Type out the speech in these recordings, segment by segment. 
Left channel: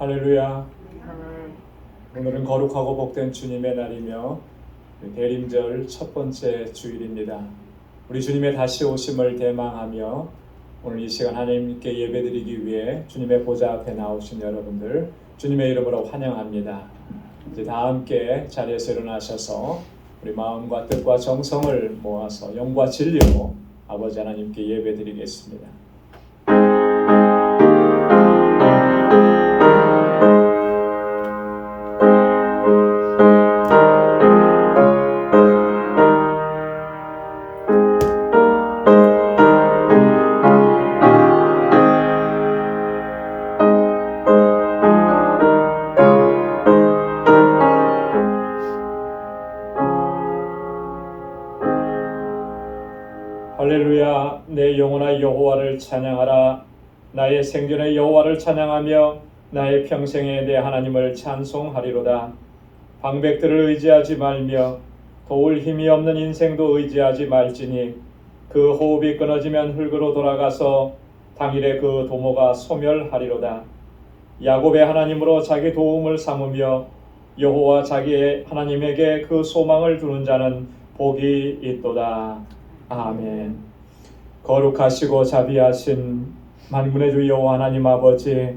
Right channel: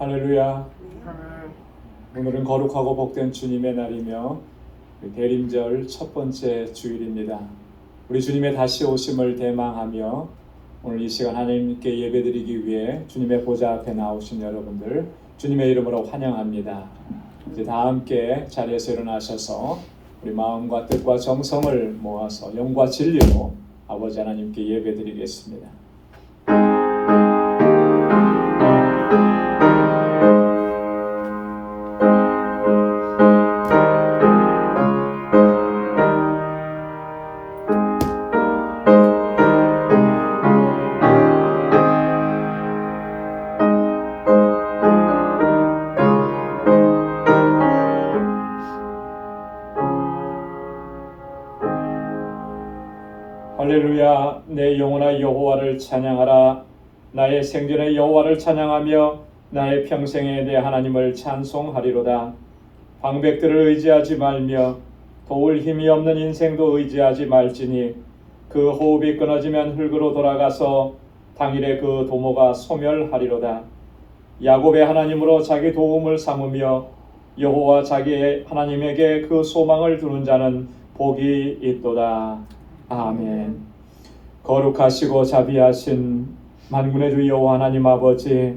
할렐루야. 오늘은 거룩하고 복된 주님의 날이며 대림절 첫 번째 주일입니다. 우리 주님의 다시 오심을 대망하며 오늘 이 시간 하나님께 예배드리기 위해 주님의 보좌 앞에 나오신 여러분들 주님의 이름으로 환영합니다. 이제 다 함께 자리에서 일어나셔서 우리 마음과 뜻과 정성을 모아서 영과 진리로 아버지 하나님께 예배드리겠습니다. 할렐루야. 내 영혼아 여호와를 찬양하라. 나의 생전에 여호와를 찬양하며 나의 평생에 내 하나님을 찬송하리로다. 방백들을 의지하지 말며 도울 힘이 없는 인생도 의지하지 말지니 그 호흡이 끊어지면 흙으로 돌아가서 당일에 그 도모가 소멸하리로다. 야곱의 하나님으로 자기 도움을 삼으며 여호와 자기의 하나님에게 그 소망을 두는 자는 복이 있도다. 아멘. 거룩하시고 자비하신 만군의 주 여호와 하나님 아버지,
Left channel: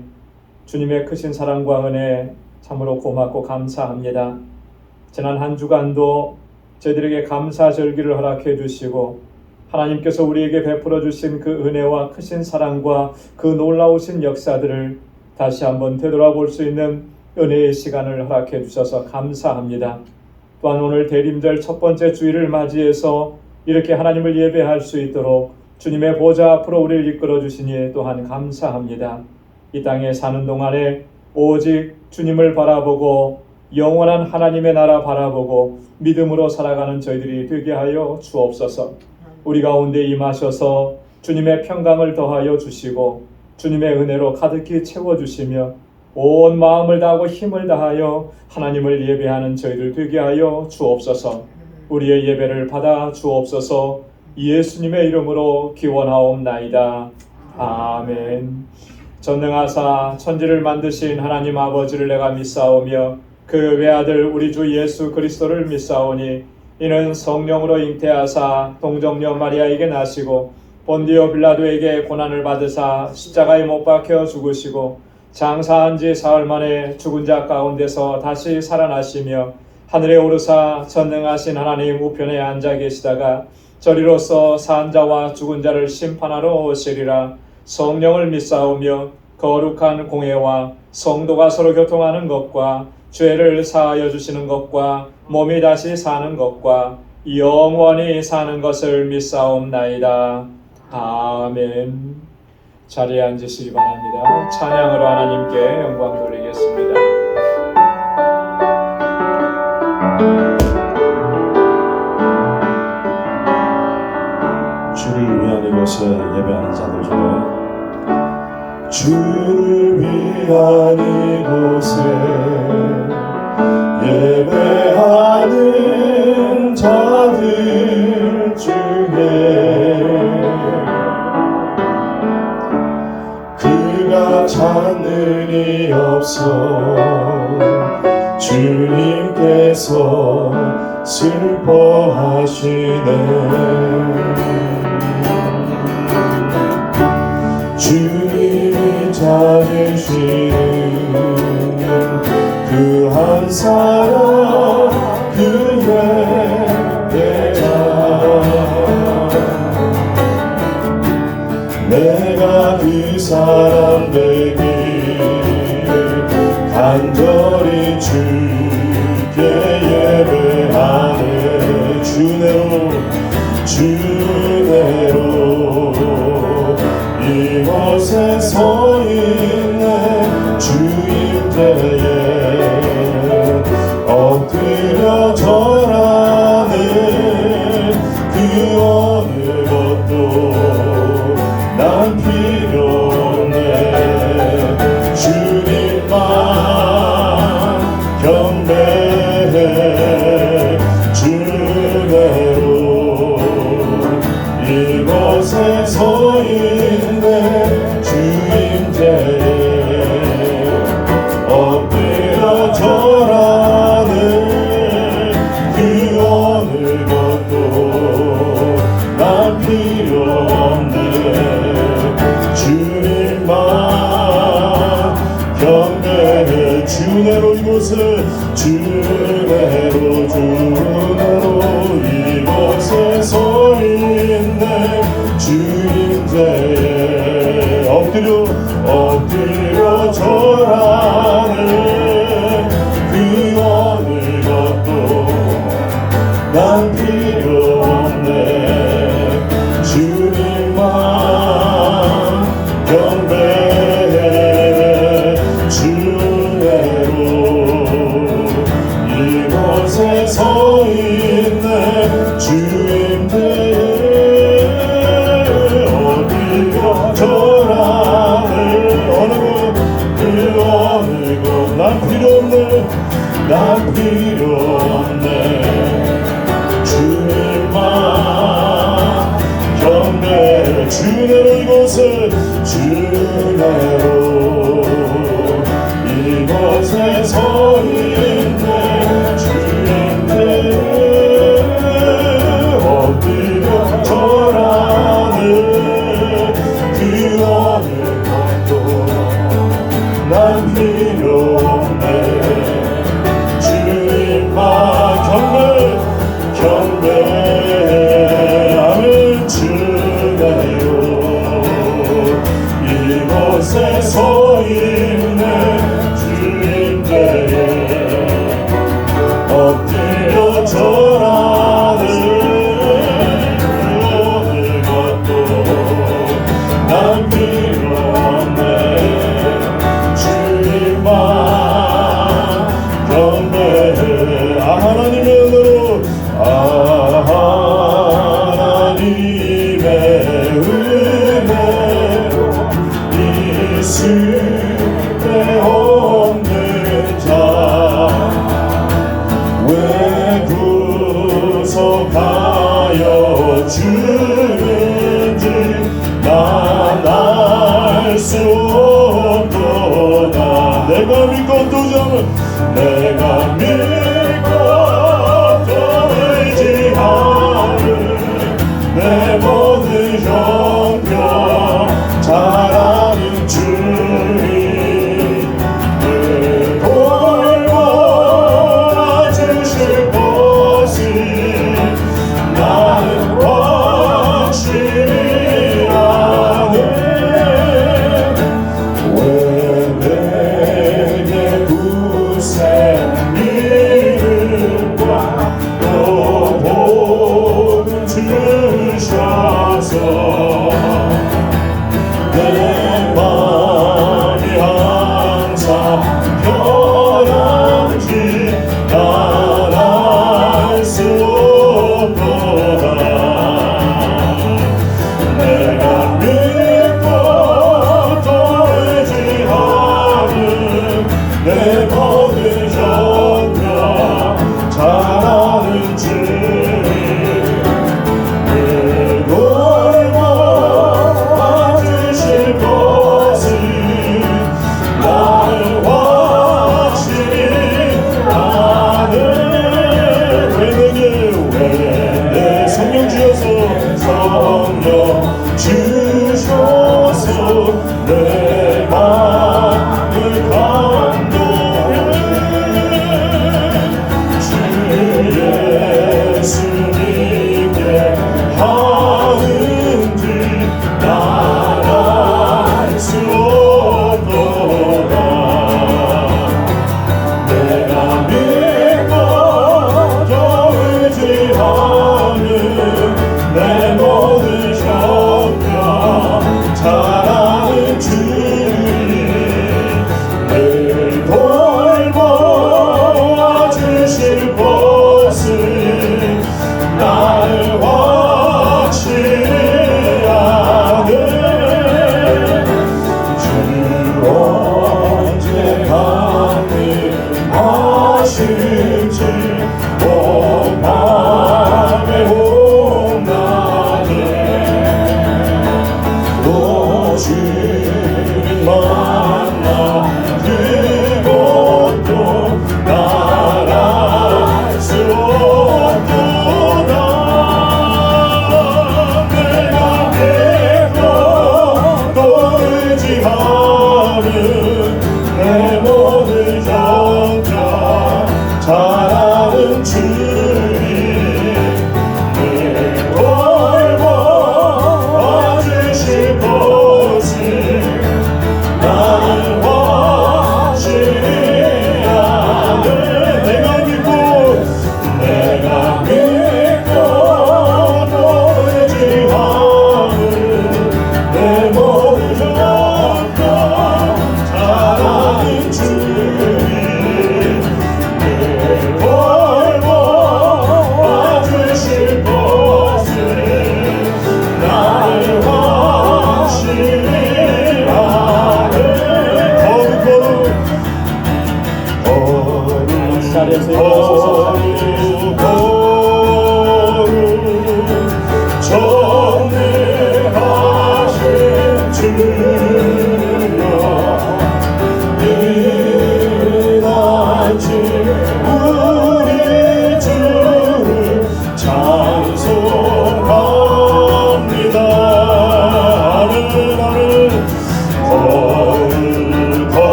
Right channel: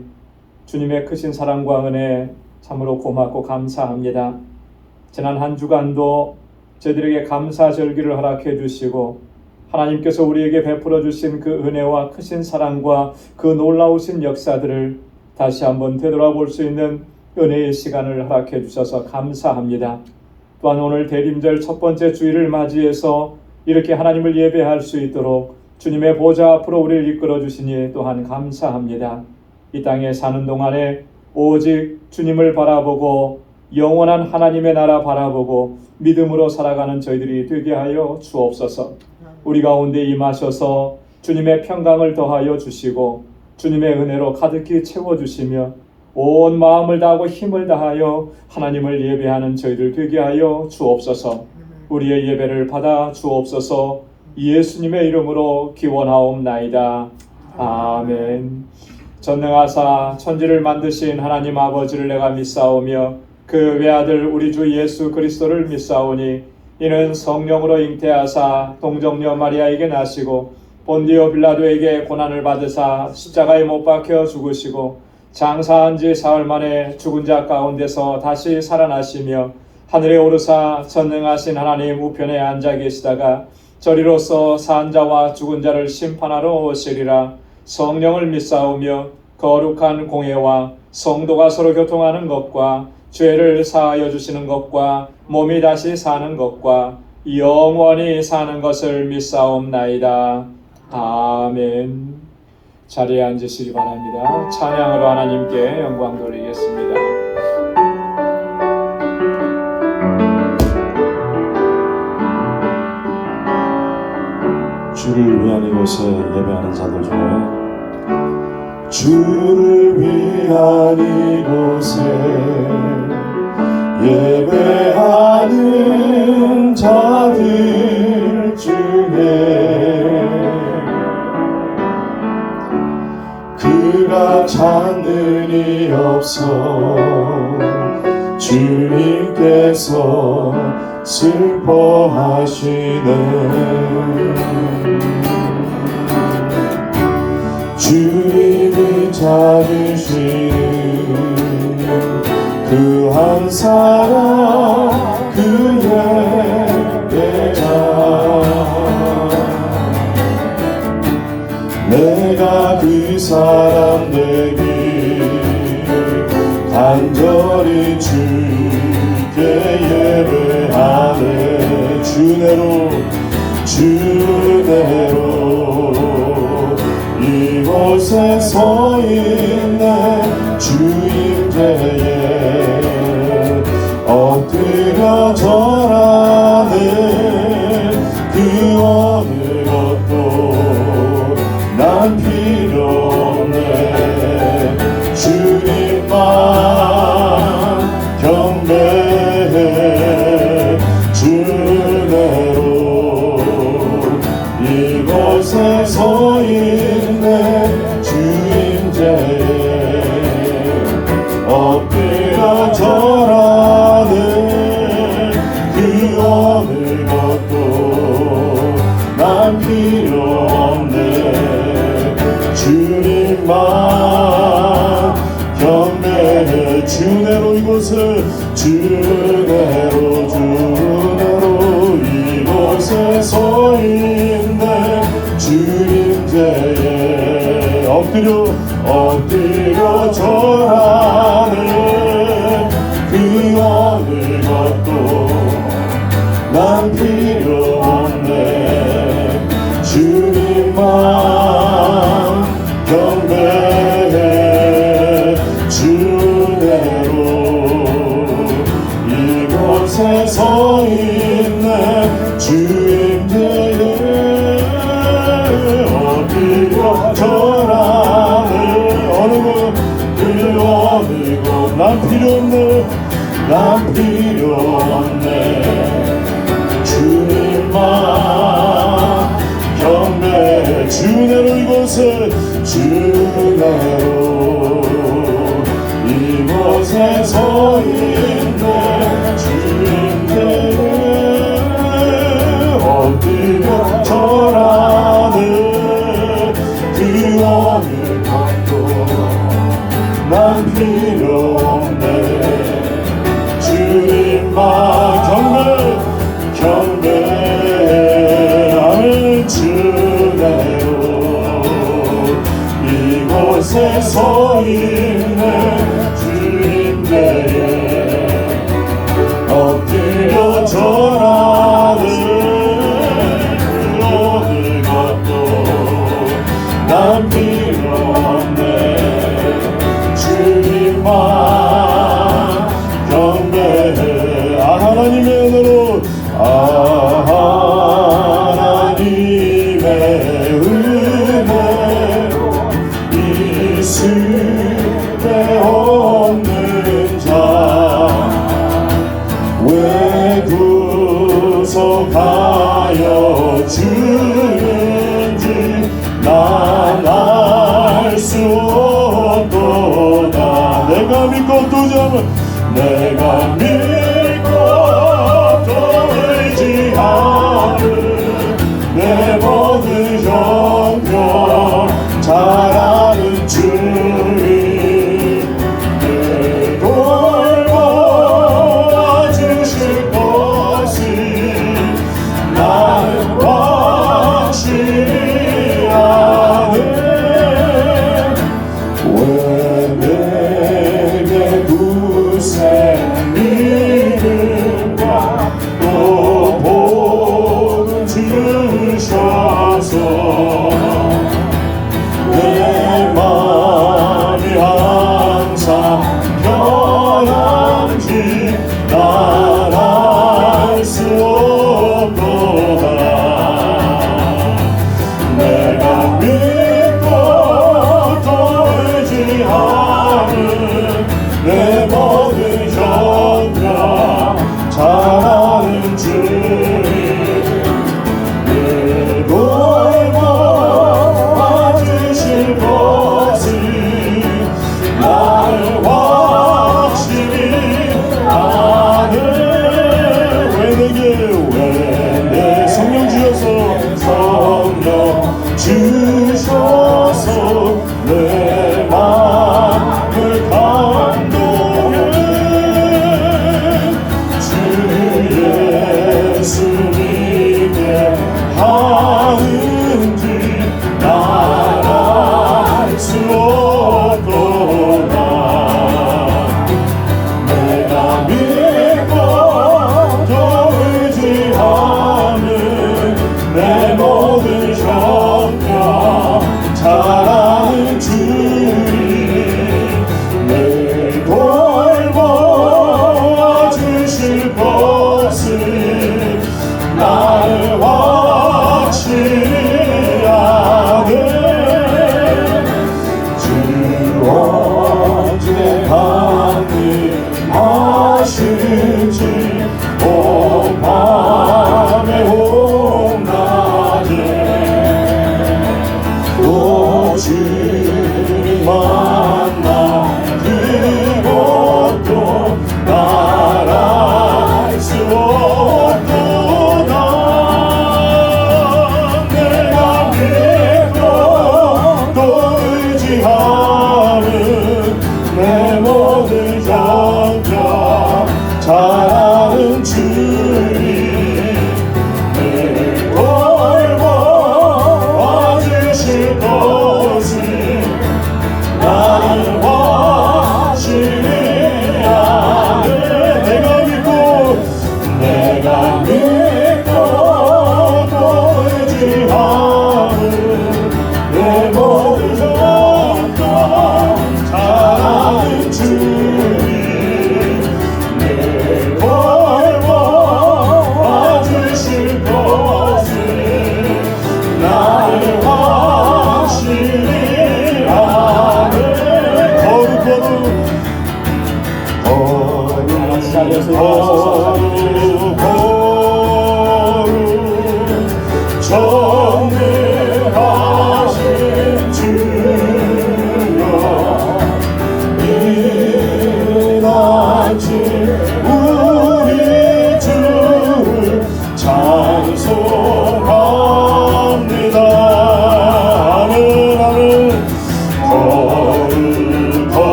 주님의 크신 사랑과 은혜 참으로 고맙고 감사합니다. 지난 한 주간도 저희들에게 감사절기를 허락해 주시고 하나님께서 우리에게 베풀어 주신 그 은혜와 크신 사랑과 그 놀라우신 역사들을 다시 한번 되돌아볼 수 있는 은혜의 시간을 허락해 주셔서 감사합니다. 또한 오늘 대림절 첫 번째 주일을 맞이해서 이렇게 하나님을 예배할 수 있도록 주님의 보좌 앞으로 우리를 이끌어 주시니 또한 감사합니다. 이 땅에 사는 동안에 오직 주님을 바라보고 영원한 하나님의 나라 바라보고 믿음으로 살아가는 저희들이 되게 하여 주옵소서. 우리 가운데 임하셔서 주님의 평강을 더하여 주시고 주님의 은혜로 가득히 채워주시며 온 마음을 다하고 힘을 다하여 하나님을 예배하는 저희들 되게 하여 주옵소서. 우리의 예배를 받아 주옵소서. 예수님의 이름으로 기원하옵나이다. 아멘. 전능하사 천지를 만드신 하나님 아버지를 내가 믿사오며 그 외아들 우리 주 예수 그리스도를 믿사오니 이는 성령으로 잉태하사 동정녀 마리아에게 나시고 본디오 빌라도에게 고난을 받으사 십자가에 못 박혀 죽으시고 장사한 지 사흘 만에 죽은 자 가운데서 다시 살아나시며 하늘에 오르사 전능하신 하나님 우편에 앉아 계시다가 저리로서 산 자와 죽은 자를 심판하러 오시리라. 성령을 믿사오며 거룩한 공회와 성도가 서로 교통하는 것과 죄를 사하여 주시는 것과 몸이 다시 사는 것과 영원히 사는 것을 믿사옵나이다. 아멘. 자리에 앉으시기 바랍니다. 찬양으로 하나님께 영광 돌리겠습니다. 주를 위한 이곳에 예배하는 자들 중에 주를 위한 이곳에 예배하는 자들 중에 그가 찾는 이 없어 주님께서 슬퍼하시네. 주님이 찾으시는 그 한 사람 그의 대가 내가 그 사람 되기 간절히 주께 예배하네. 주대로 이곳에 서 있네. 주임대에 엎드려 절하네. 그 어느 것도 난 필요 없네. 주님만 경배해. 주대로 이곳에 서 있네. 주임대에 주내로 이곳을 주내로 이곳에 서 있네 주님께 엎드려 절하는 그 어느 것도 난 필요 없네 주님만 경배해 주내로 이곳에 서 있네 주님께 엎드려 절하는 어느 곳 난 필요 없네 난 필요 없네 주님만 경배해 주내로 이곳을 주내로 이곳에 서 있네 주님께 엎드려 절하는 그 어느 것도 난 필요 없네 주님만 경배해 아멘 주내로 이곳에 서 있는 주님께 엎드려 절하는 어느 것도 난 필요 없네 주님만 경배해 하나님의 은혜로 하나님의 은혜로 있음에 없는 자 왜 구속하여 주는지 난 알 수 없도다 내가 믿고 또 잡은 내가 믿고 또 의지하는 내 모든 형편 잘하는 주님 늘 돌봐주실 것을 나는 확실히 아네 왜 내게 구세 믿음과 또 복을 주셔서 내 맘이 항상 편한지 난 알 수 없도다 내가 믿고 또 의지하는 내 모든 형편 잘하는 주님 늘 돌봐주실 것을 나를 확실히 아네 왜 내 성령 주셔서 성령 주셔서 내 마음을 감동해 주 예수님께 하는지 난 알 수 없도다 내가 믿고 또 의지하는 내 모든 형편 잘하는 주님 늘 돌봐주실 것을 나를 확실히 아네 주 언제 말씀하실지 밤에 온낮에 오 주님 만나 그것도 나랄 수 없도다 내가 믿고 또 의지하는 내 모든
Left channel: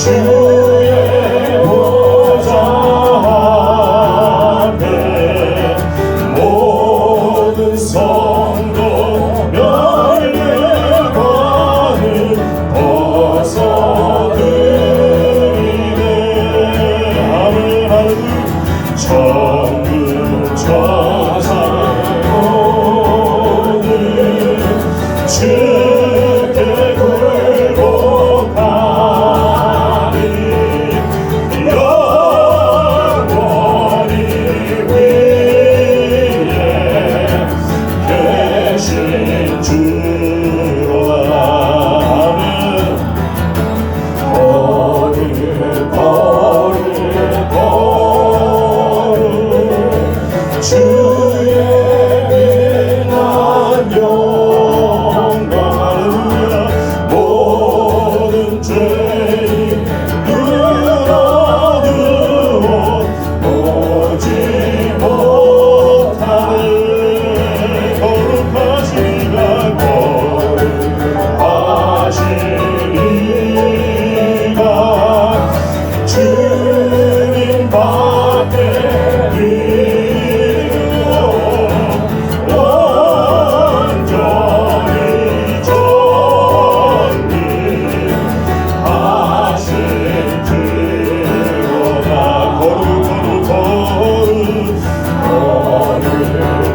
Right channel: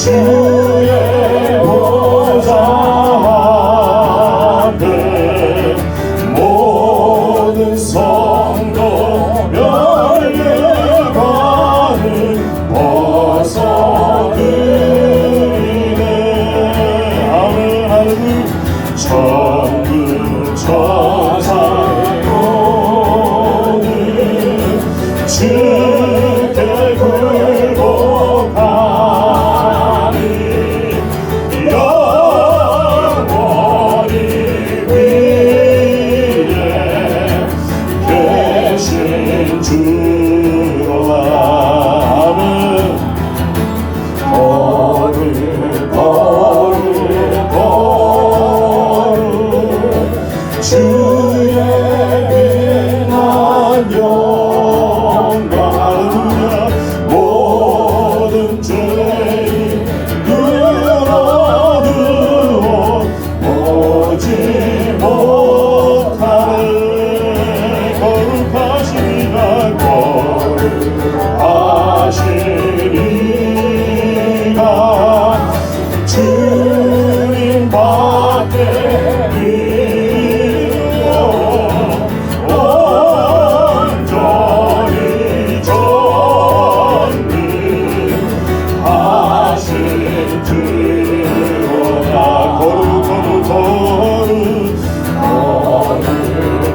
주의 보좌 앞에 모든 성도 멸류관을 벗어드리네. 아멘. 천군 천사 모두 주께 굴복하니 영원히 위에 계신 주로다. 아멘. 거룩 주의 빛난 영광. 할렐루야. 모든 죄인 누워두어 보지 못하네. 거룩하시니라. 거룩하시니라. 주님 밖에 믿으며 온전히 존귀하신 주로다.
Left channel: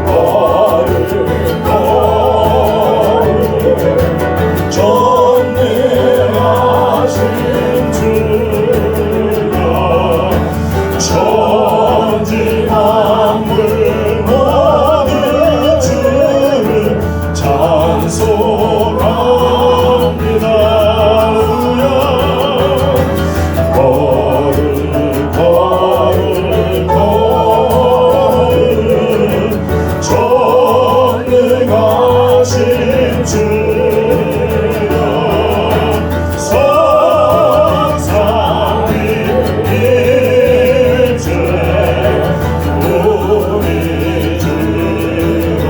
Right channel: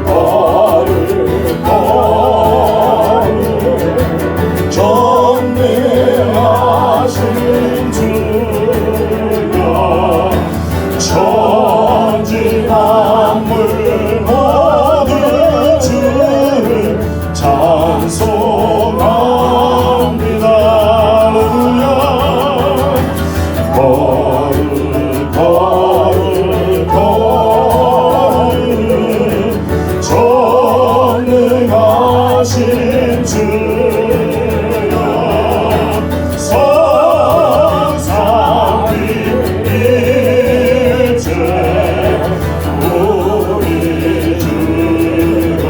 거룩 전능하신 주여 천지 만물 모든 주를 찬송합니다. 전능하신 주여 성삼위일체 우리 주로다.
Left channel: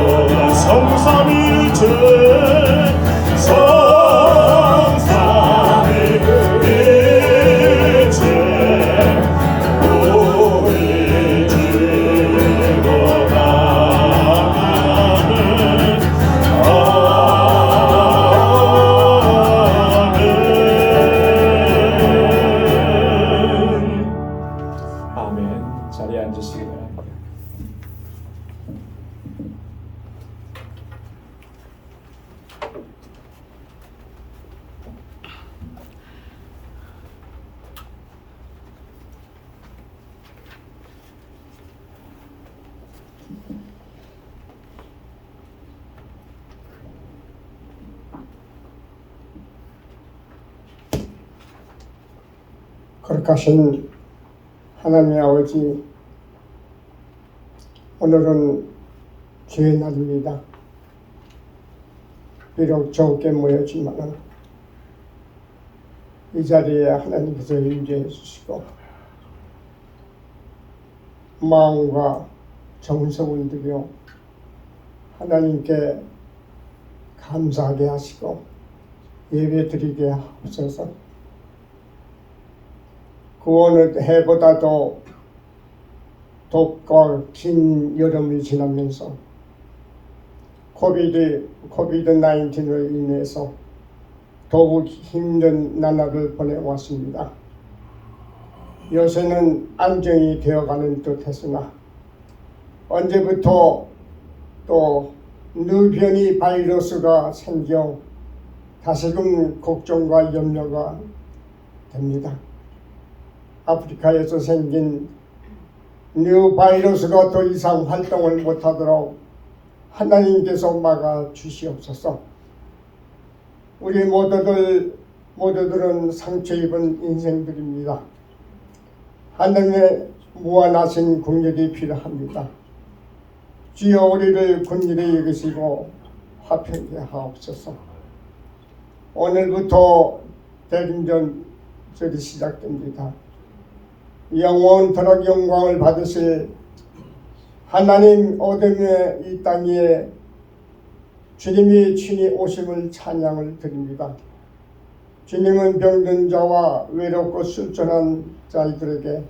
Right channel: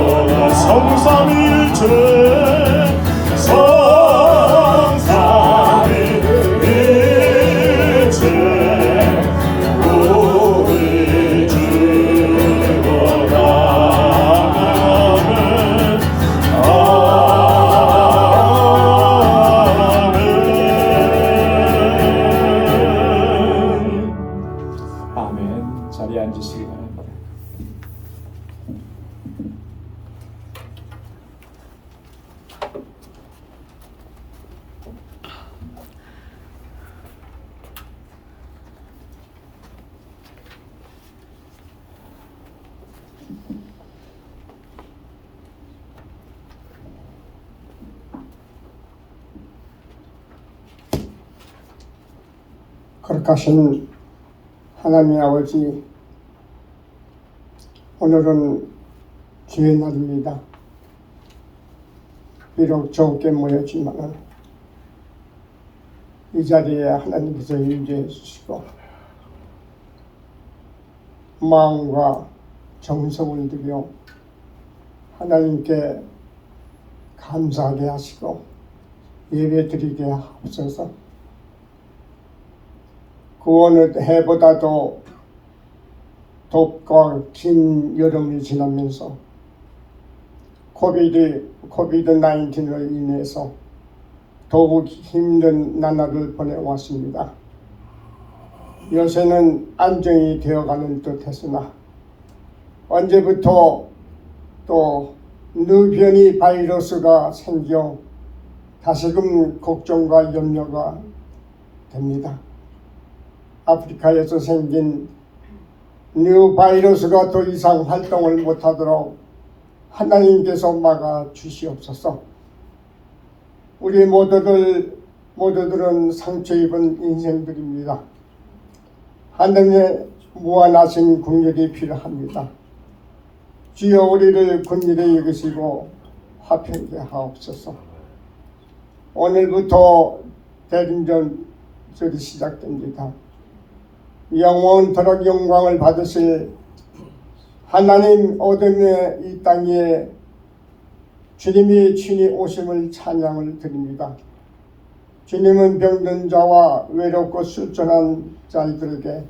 성삼위일체 성삼위일체 우리 주로다. 아멘. 아멘. 자리에 앉으시기 바랍니다. 거룩하신 하나님의 아버지, 오늘은 주의 날입니다. 비록 적게 모였지만 이 자리에 하나님께서 유지해 주시고 마음과 정성을 들여 하나님께 감사하게 하시고 예배 드리게 하옵소서. 구원의 해보다도 덥고 긴 여름이 지나면서 코비드-19로 인해서 더욱 힘든 나날을 보내왔습니다. 요새는 안정이 되어가는 듯했으나 언제부터 또 누변이 바이러스가 생겨 다시금 걱정과 염려가 됩니다. 아프리카에서 생긴 뉴 바이러스가 더 이상 활동을 못하도록 하나님께서 막아 주시옵소서. 우리 모두들은 상처 입은 인생들입니다. 하나님의 무한하신 긍휼이 필요합니다. 주여 우리를 긍휼히 여기시고 화평케 하옵소서. 오늘부터 대림절이 시작됩니다. 영원토록 영광을 받으실 하나님 어둠의 이 땅에 주님이 친히 오심을 찬양을 드립니다. 주님은 병든 자와 외롭고 술전한 자들에게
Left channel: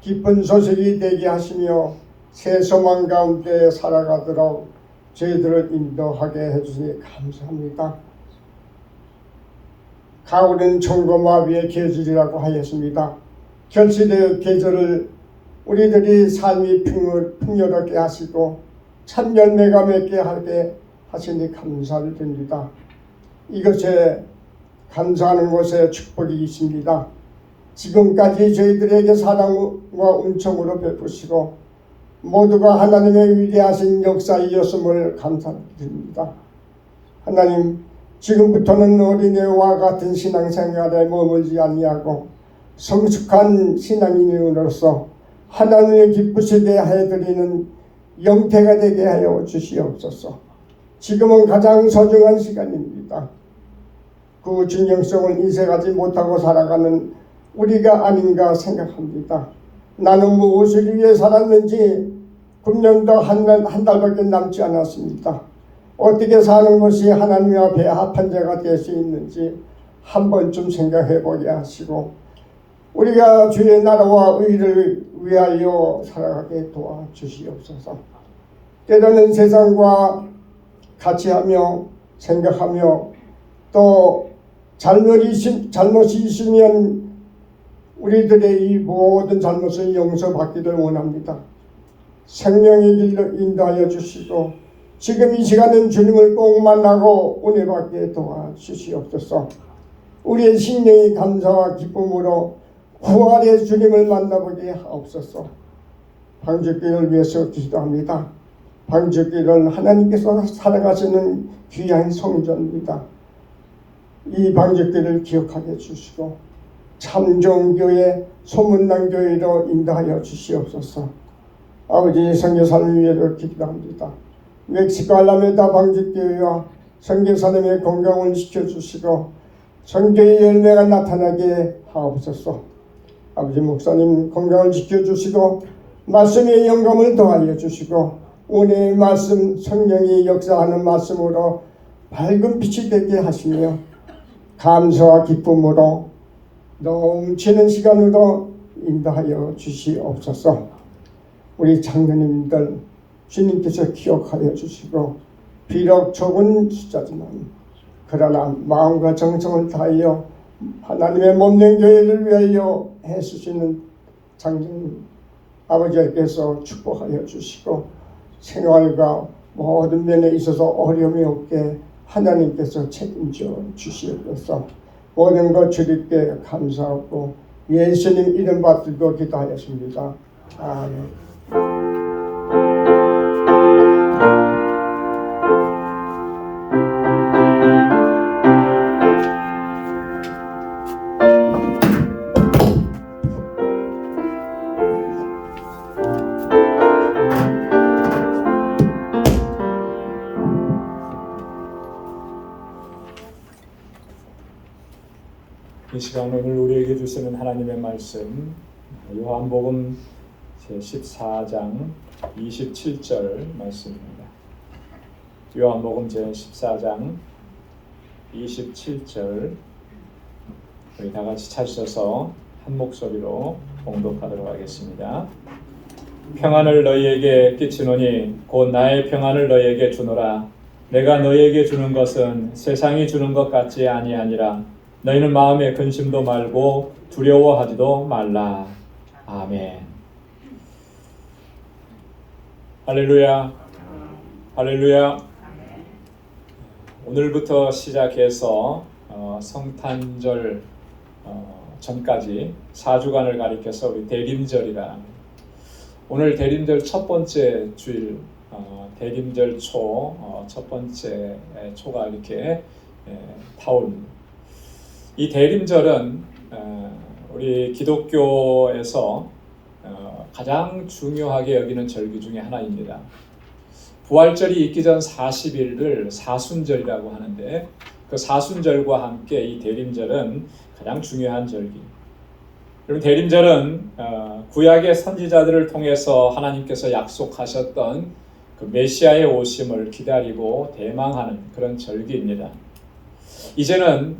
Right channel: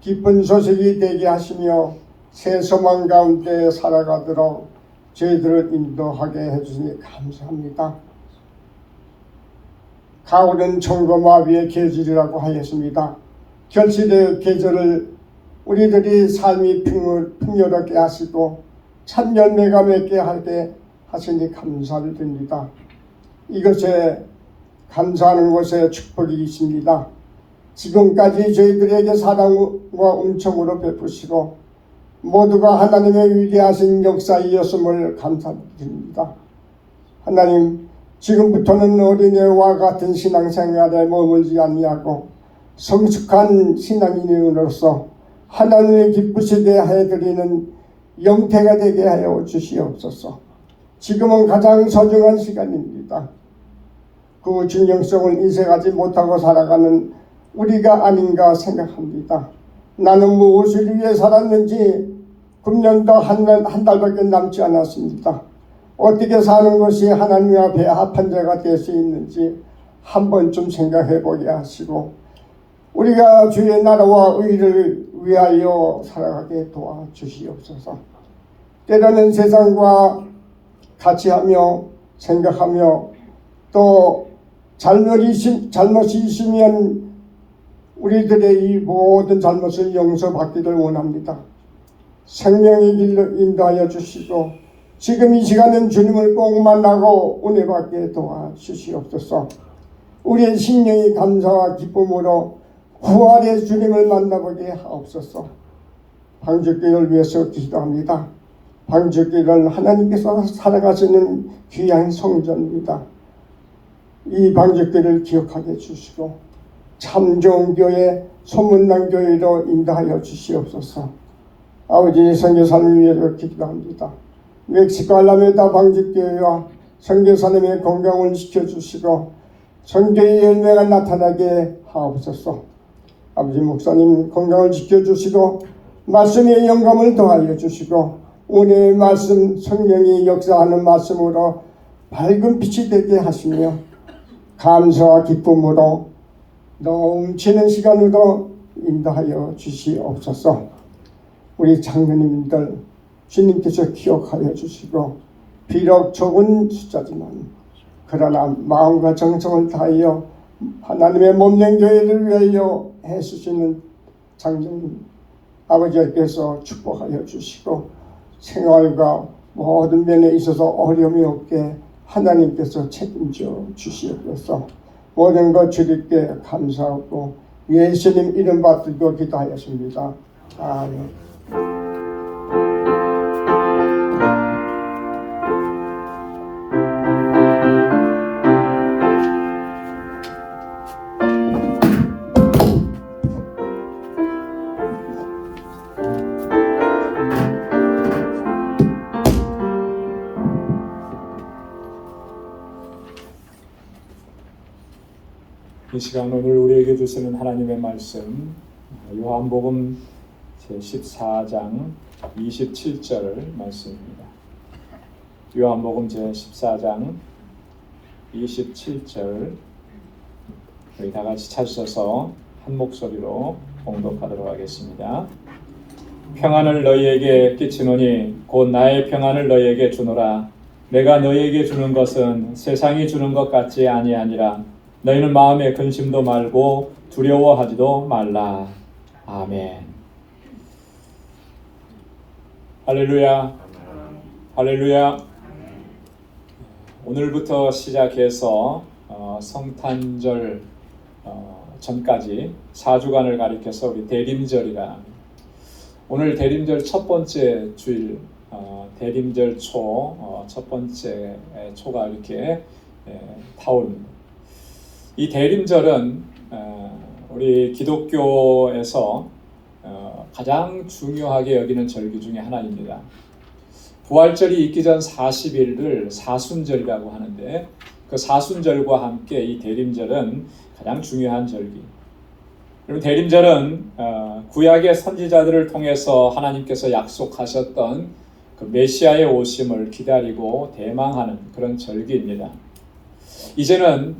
기쁜 소식이 되게 하시며 새 소망 가운데 살아가도록 저희들을 인도하게 해주시니 감사합니다. 가을은 청고마비의 계절이라고 하였습니다. 결실의 계절을 우리들이 삶이 풍요롭게 하시고 참 열매가 맺게 하게 하시니 감사를 드립니다. 이것에 감사하는 것에 축복이 있습니다. 지금까지 저희들에게 사랑과 은총으로 베푸시고 모두가 하나님의 위대하신 역사이었음을 감사드립니다. 하나님, 지금부터는 어린애와 같은 신앙생활에 머물지 아니하고 성숙한 신앙인으로서 하나님의 기쁘시게 해드리는 영태가 되게 하여 주시옵소서. 지금은 가장 소중한 시간입니다. 그 중요성을 인식하지 못하고 살아가는 우리가 아닌가 생각합니다. 나는 무엇을 위해 살았는지 금년도 한 달밖에 남지 않았습니다. 어떻게 사는 것이 하나님 앞에 합한 자가 될 수 있는지 한 번쯤 생각해 보게 하시고 우리가 주의 나라와 의를 위하여 살아가게 도와주시옵소서. 때로는 세상과 같이 하며 생각하며 또 잘못이 있으면 우리들의 이 모든 잘못을 용서받기를 원합니다. 생명의 길로 인도하여 주시고 지금 이 시간은 주님을 꼭 만나고 은혜 받게 도와주시옵소서. 우리의 심령이 감사와 기쁨으로 부활의 주님을 만나보게 하옵소서. 방주길을 위해서 기도합니다. 방주길은 하나님께서 살아가시는 귀한 성전입니다. 이 방주길을 기억하게 해주시고 참 좋은 교회, 소문난 교회로 인도하여 주시옵소서. 아버지, 선교사님을 위해서 기도합니다. 멕시코 알라메다 방주교회와 선교사님의 건강을 지켜주시고 선교의 열매가 나타나게 하옵소서. 아버지, 목사님 건강을 지켜주시고 말씀의 영감을 더하여 주시고 오늘의 말씀, 성령이 역사하는 말씀으로 밝은 빛이 되게 하시며 감사와 기쁨으로 넘치는 시간으로 인도하여 주시옵소서. 우리 장로님들 주님께서 기억하여 주시고 비록 적은 숫자지만 그러나 마음과 정성을 다하여 하나님의 몸된 교회를 위하여 애쓰시는 장로님 아버지께서 축복하여 주시고 생활과 모든 면에 있어서 어려움이 없게 하나님께서 책임져 주시옵소서. 모든 것 주님께 감사하고 예수님 이름 받들고 기도하였습니다. 아멘. 이 시간 오늘 우리에게 주시는 하나님의 말씀 요한복음 제14장 27절 말씀입니다. 요한복음 제14장 27절 우리 다 같이 찾으셔서 한 목소리로 봉독하도록 하겠습니다. 평안을 너희에게 끼치노니 곧 나의 평안을 너희에게 주노라. 내가 너희에게 주는 것은 세상이 주는 것 같지 아니하니라. 너희는 마음에 근심도 말고 두려워하지도 말라. 아멘. 할렐루야. 할렐루야. 오늘부터 시작해서 성탄절 전까지 4주간을 가리켜서 우리 대림절이라 오늘 대림절 첫 번째 주일 대림절 초 첫 번째 초가 이렇게 타오릅니다. 이 대림절은 우리 기독교에서 가장 중요하게 여기는 절기 중에 하나입니다. 부활절이 있기 전 40일을 사순절이라고 하는데 그 사순절과 함께 이 대림절은 가장 중요한 절기. 그리고 대림절은 구약의 선지자들을 통해서 하나님께서 약속하셨던 그 메시아의 오심을 기다리고 대망하는 그런 절기입니다. 이제는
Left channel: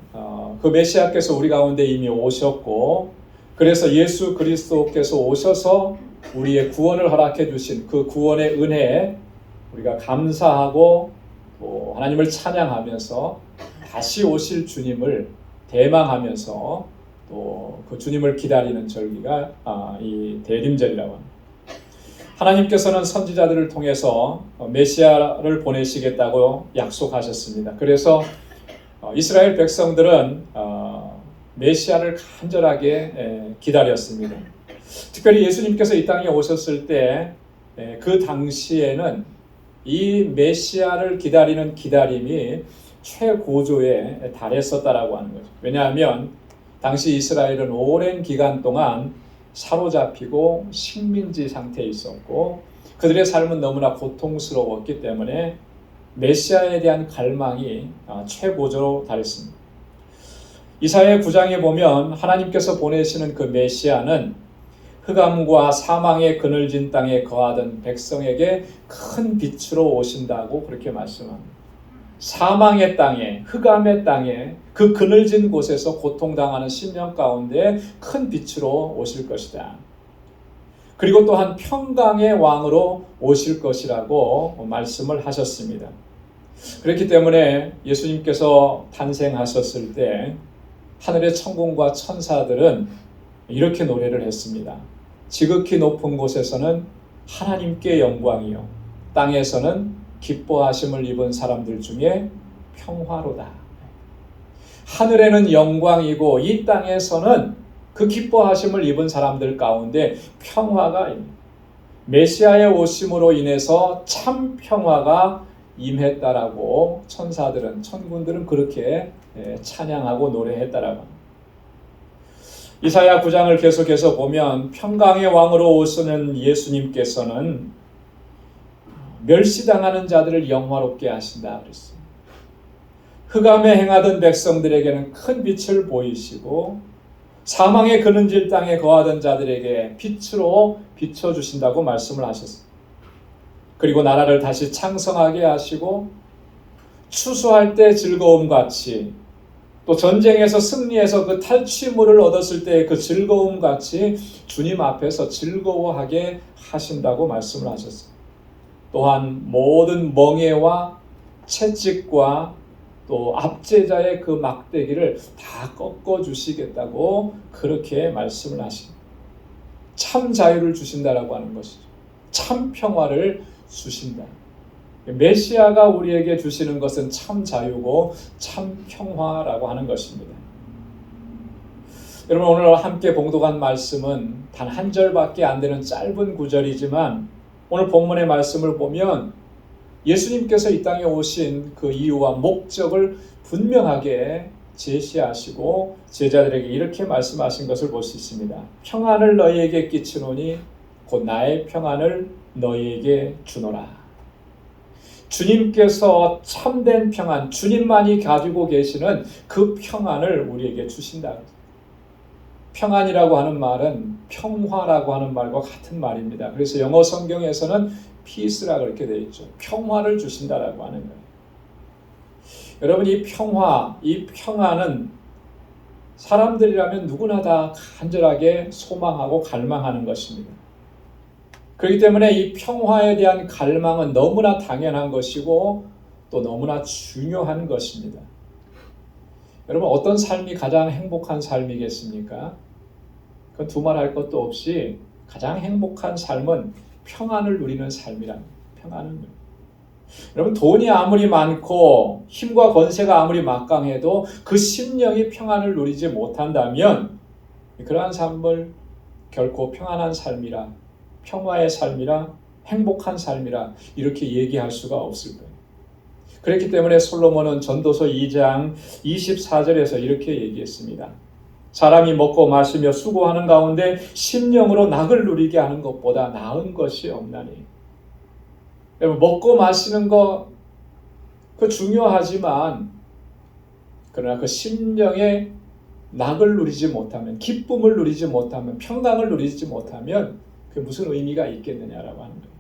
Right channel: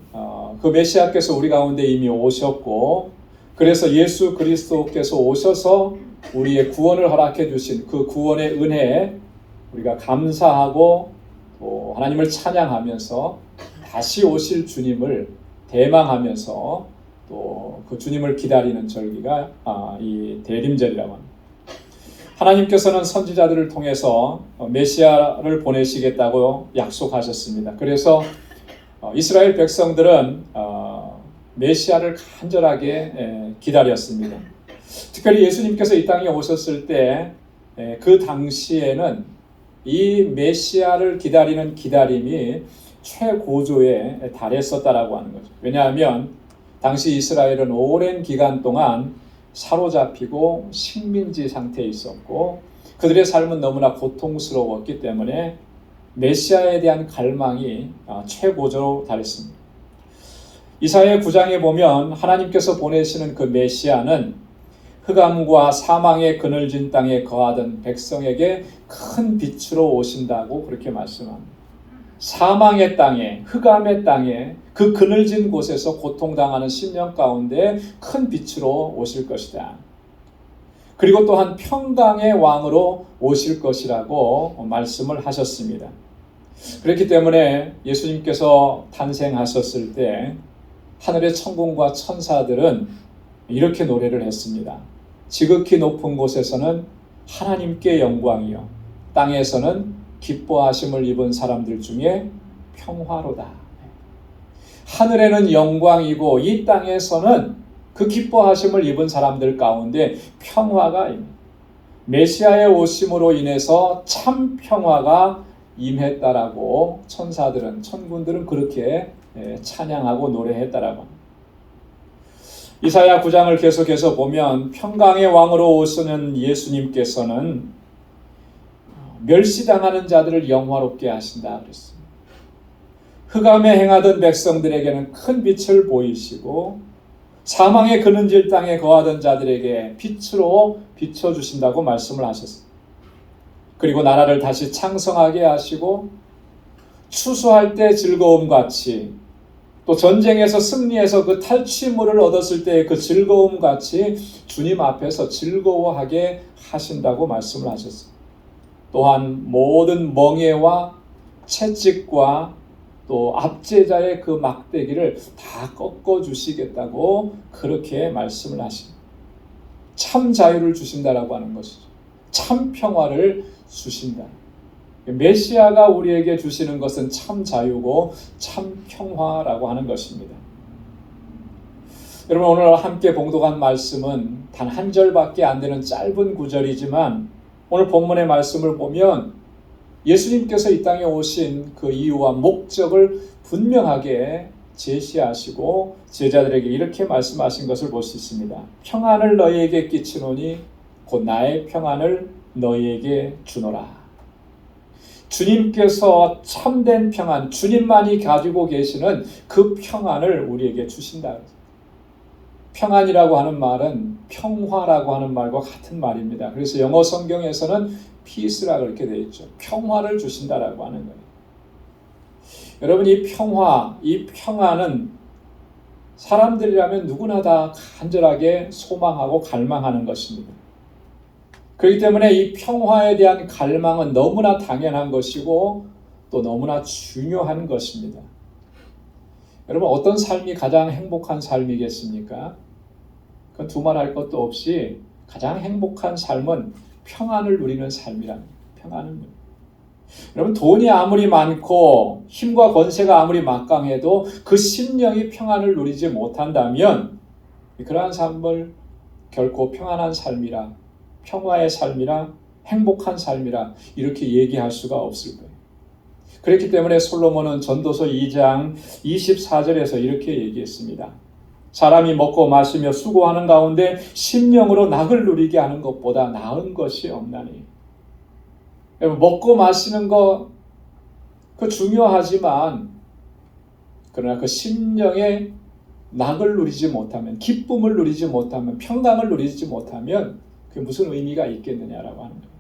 그 메시아께서 우리 가운데 이미 오셨고, 그래서 예수 그리스도께서 오셔서 우리의 구원을 허락해 주신 그 구원의 은혜에 우리가 감사하고 또 하나님을 찬양하면서 다시 오실 주님을 대망하면서 또 그 주님을 기다리는 절기가 이 대림절이라고 합니다. 하나님께서는 선지자들을 통해서 메시아를 보내시겠다고 약속하셨습니다. 그래서 이스라엘 백성들은 메시아를 간절하게 기다렸습니다. 특별히 예수님께서 이 땅에 오셨을 때 그 당시에는 이 메시아를 기다리는 기다림이 최고조에 달했었다라고 하는 거죠. 왜냐하면 당시 이스라엘은 오랜 기간 동안 사로잡히고 식민지 상태에 있었고 그들의 삶은 너무나 고통스러웠기 때문에 메시아에 대한 갈망이 최고조로 달했습니다. 이사야 9장에 보면 하나님께서 보내시는 그 메시아는 흑암과 사망의 그늘진 땅에 거하던 백성에게 큰 빛으로 오신다고 그렇게 말씀합니다. 사망의 땅에, 흑암의 땅에, 그 그늘진 곳에서 고통당하는 심령 가운데 큰 빛으로 오실 것이다. 그리고 또한 평강의 왕으로 오실 것이라고 말씀을 하셨습니다. 그렇기 때문에 예수님께서 탄생하셨을 때 하늘의 천군과 천사들은 이렇게 노래를 했습니다. 지극히 높은 곳에서는 하나님께 영광이요, 땅에서는 기뻐하심을 입은 사람들 중에 평화로다. 하늘에는 영광이고 이 땅에서는 그 기뻐하심을 입은 사람들 가운데 평화가, 메시아의 오심으로 인해서 참 평화가 임했다라고 천사들은, 천군들은 그렇게 찬양하고 노래했다라고. 이사야 9장을 계속해서 보면 평강의 왕으로 오시는 예수님께서는 멸시당하는 자들을 영화롭게 하신다 그랬어요. 흑암에 행하던 백성들에게는 큰 빛을 보이시고 사망의 그늘진 땅에 거하던 자들에게 빛으로 비춰주신다고 말씀을 하셨어요. 그리고 나라를 다시 창성하게 하시고 추수할 때 즐거움같이, 또 전쟁에서 승리해서 그 탈취물을 얻었을 때 그 즐거움같이 주님 앞에서 즐거워하게 하신다고 말씀을 하셨어요. 또한 모든 멍에와 채찍과 또 압제자의 그 막대기를 다 꺾어주시겠다고 그렇게 말씀을 하십니다. 참 자유를 주신다라고 하는 것이죠. 참 평화를 주신다. 메시아가 우리에게 주시는 것은 참 자유고 참 평화라고 하는 것입니다. 여러분, 오늘 함께 봉독한 말씀은 단 한 절밖에 안 되는 짧은 구절이지만 오늘 본문의 말씀을 보면 예수님께서 이 땅에 오신 그 이유와 목적을 분명하게 제시하시고 제자들에게 이렇게 말씀하신 것을 볼 수 있습니다. 평안을 너희에게 끼치노니 곧 나의 평안을 너희에게 주노라. 주님께서 참된 평안, 주님만이 가지고 계시는 그 평안을 우리에게 주신다. 평안이라고 하는 말은 평화라고 하는 말과 같은 말입니다. 그래서 영어 성경에서는 peace라고 이렇게 되어 있죠. 평화를 주신다라고 하는 거예요. 여러분, 이 평화, 이 평안은 사람들이라면 누구나 다 간절하게 소망하고 갈망하는 것입니다. 그렇기 때문에 이 평화에 대한 갈망은 너무나 당연한 것이고 또 너무나 중요한 것입니다. 여러분, 어떤 삶이 가장 행복한 삶이겠습니까? 그 두말할 것도 없이 가장 행복한 삶은 평안을 누리는 삶이랍니다. 평안은요. 여러분, 돈이 아무리 많고 힘과 권세가 아무리 막강해도 그 심령이 평안을 누리지 못한다면 그러한 삶을 결코 평안한 삶이라, 평화의 삶이라, 행복한 삶이라 이렇게 얘기할 수가 없을 거예요. 그렇기 때문에 솔로몬은 전도서 2장 24절에서 이렇게 얘기했습니다. 사람이 먹고 마시며 수고하는 가운데 심령으로 낙을 누리게 하는 것보다 나은 것이 없나니. 여러분, 먹고 마시는 거 그 중요하지만 그러나 그 심령의 낙을 누리지 못하면, 기쁨을 누리지 못하면, 평강을 누리지 못하면 그게 무슨 의미가 있겠느냐라고 하는 거예요.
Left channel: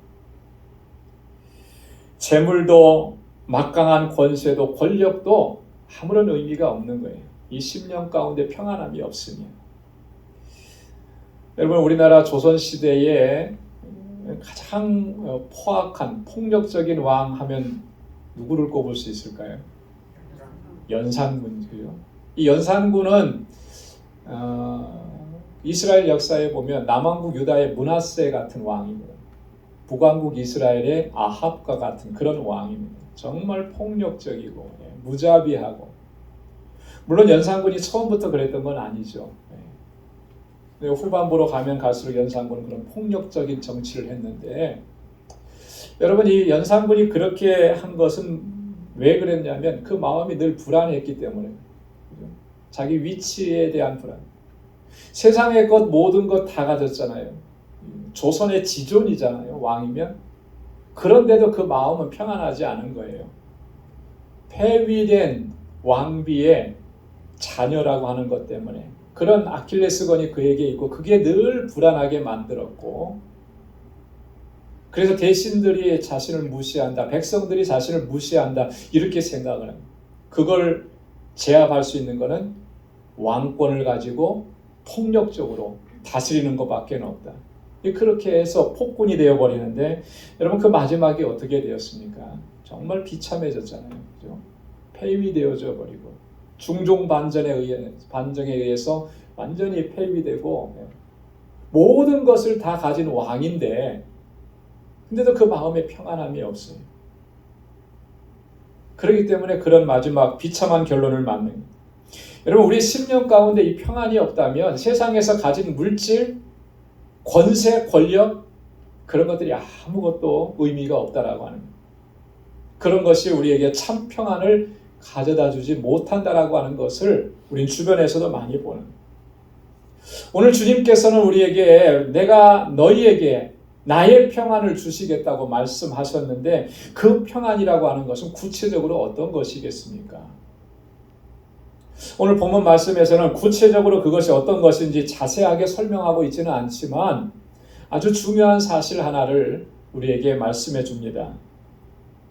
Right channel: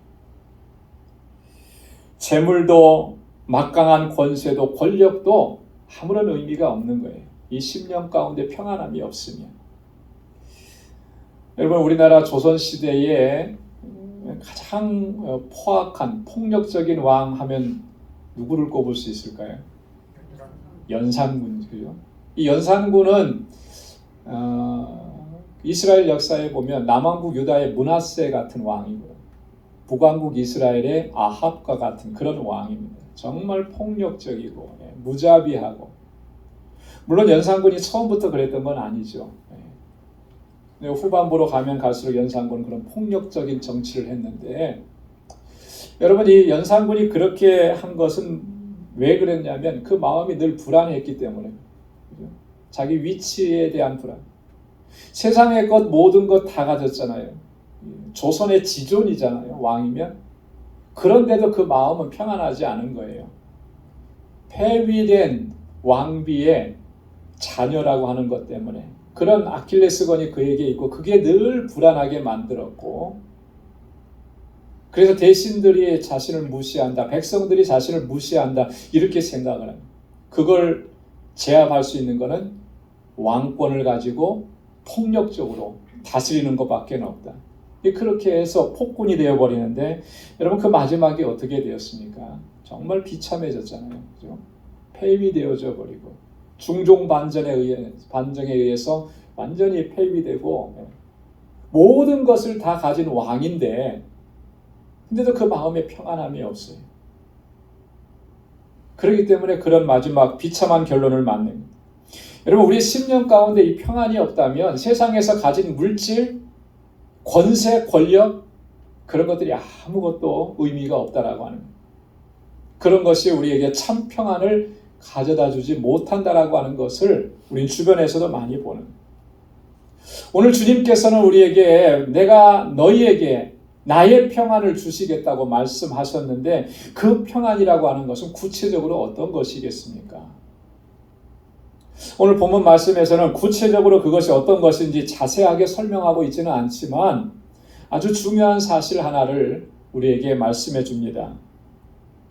재물도 막강한 권세도 권력도 아무런 의미가 없는 거예요. 이 10년 가운데 평안함이 없으면, 여러분 우리나라 조선시대에 가장 포악한 폭력적인 왕 하면 누구를 꼽을 수 있을까요? 연산군이죠. 이 연산군은 이스라엘 역사에 보면 남왕국 유다의 므낫세 같은 왕이고 북왕국 이스라엘의 아합과 같은 그런 왕입니다. 정말 폭력적이고 무자비하고, 물론 연산군이 처음부터 그랬던 건 아니죠. 후반부로 가면 갈수록 연산군은 그런 폭력적인 정치를 했는데, 여러분 이 연산군이 그렇게 한 것은 왜 그랬냐면 그 마음이 늘 불안했기 때문에, 자기 위치에 대한 불안. 세상의 것 모든 것 다 가졌잖아요. 조선의 지존이잖아요, 왕이면. 그런데도 그 마음은 평안하지 않은 거예요. 폐위된 왕비의 자녀라고 하는 것 때문에 그런 아킬레스건이 그에게 있고, 그게 늘 불안하게 만들었고, 그래서 대신들이 자신을 무시한다, 백성들이 자신을 무시한다, 이렇게 생각을 합니다. 그걸 제압할 수 있는 것은 왕권을 가지고 폭력적으로 다스리는 것밖에 없다. 그렇게 해서 폭군이 되어버리는데, 여러분 그 마지막이 어떻게 되었습니까? 정말 비참해졌잖아요. 그죠? 폐위되어져 버리고 중종 반정에 의해서 완전히 폐위되고, 모든 것을 다 가진 왕인데 근데도 그 마음에 평안함이 없어요. 그렇기 때문에 그런 마지막 비참한 결론을 맞는, 여러분 우리 10년 가운데 이 평안이 없다면 세상에서 가진 물질, 권세, 권력, 그런 것들이 아무것도 의미가 없다라고 하는 거예요. 그런 것이 우리에게 참 평안을 가져다 주지 못한다라고 하는 것을 우린 주변에서도 많이 보는 거예요. 오늘 주님께서는 우리에게 내가 너희에게 나의 평안을 주시겠다고 말씀하셨는데, 그 평안이라고 하는 것은 구체적으로 어떤 것이겠습니까? 오늘 본문 말씀에서는 구체적으로 그것이 어떤 것인지 자세하게 설명하고 있지는 않지만 아주 중요한 사실 하나를 우리에게 말씀해 줍니다.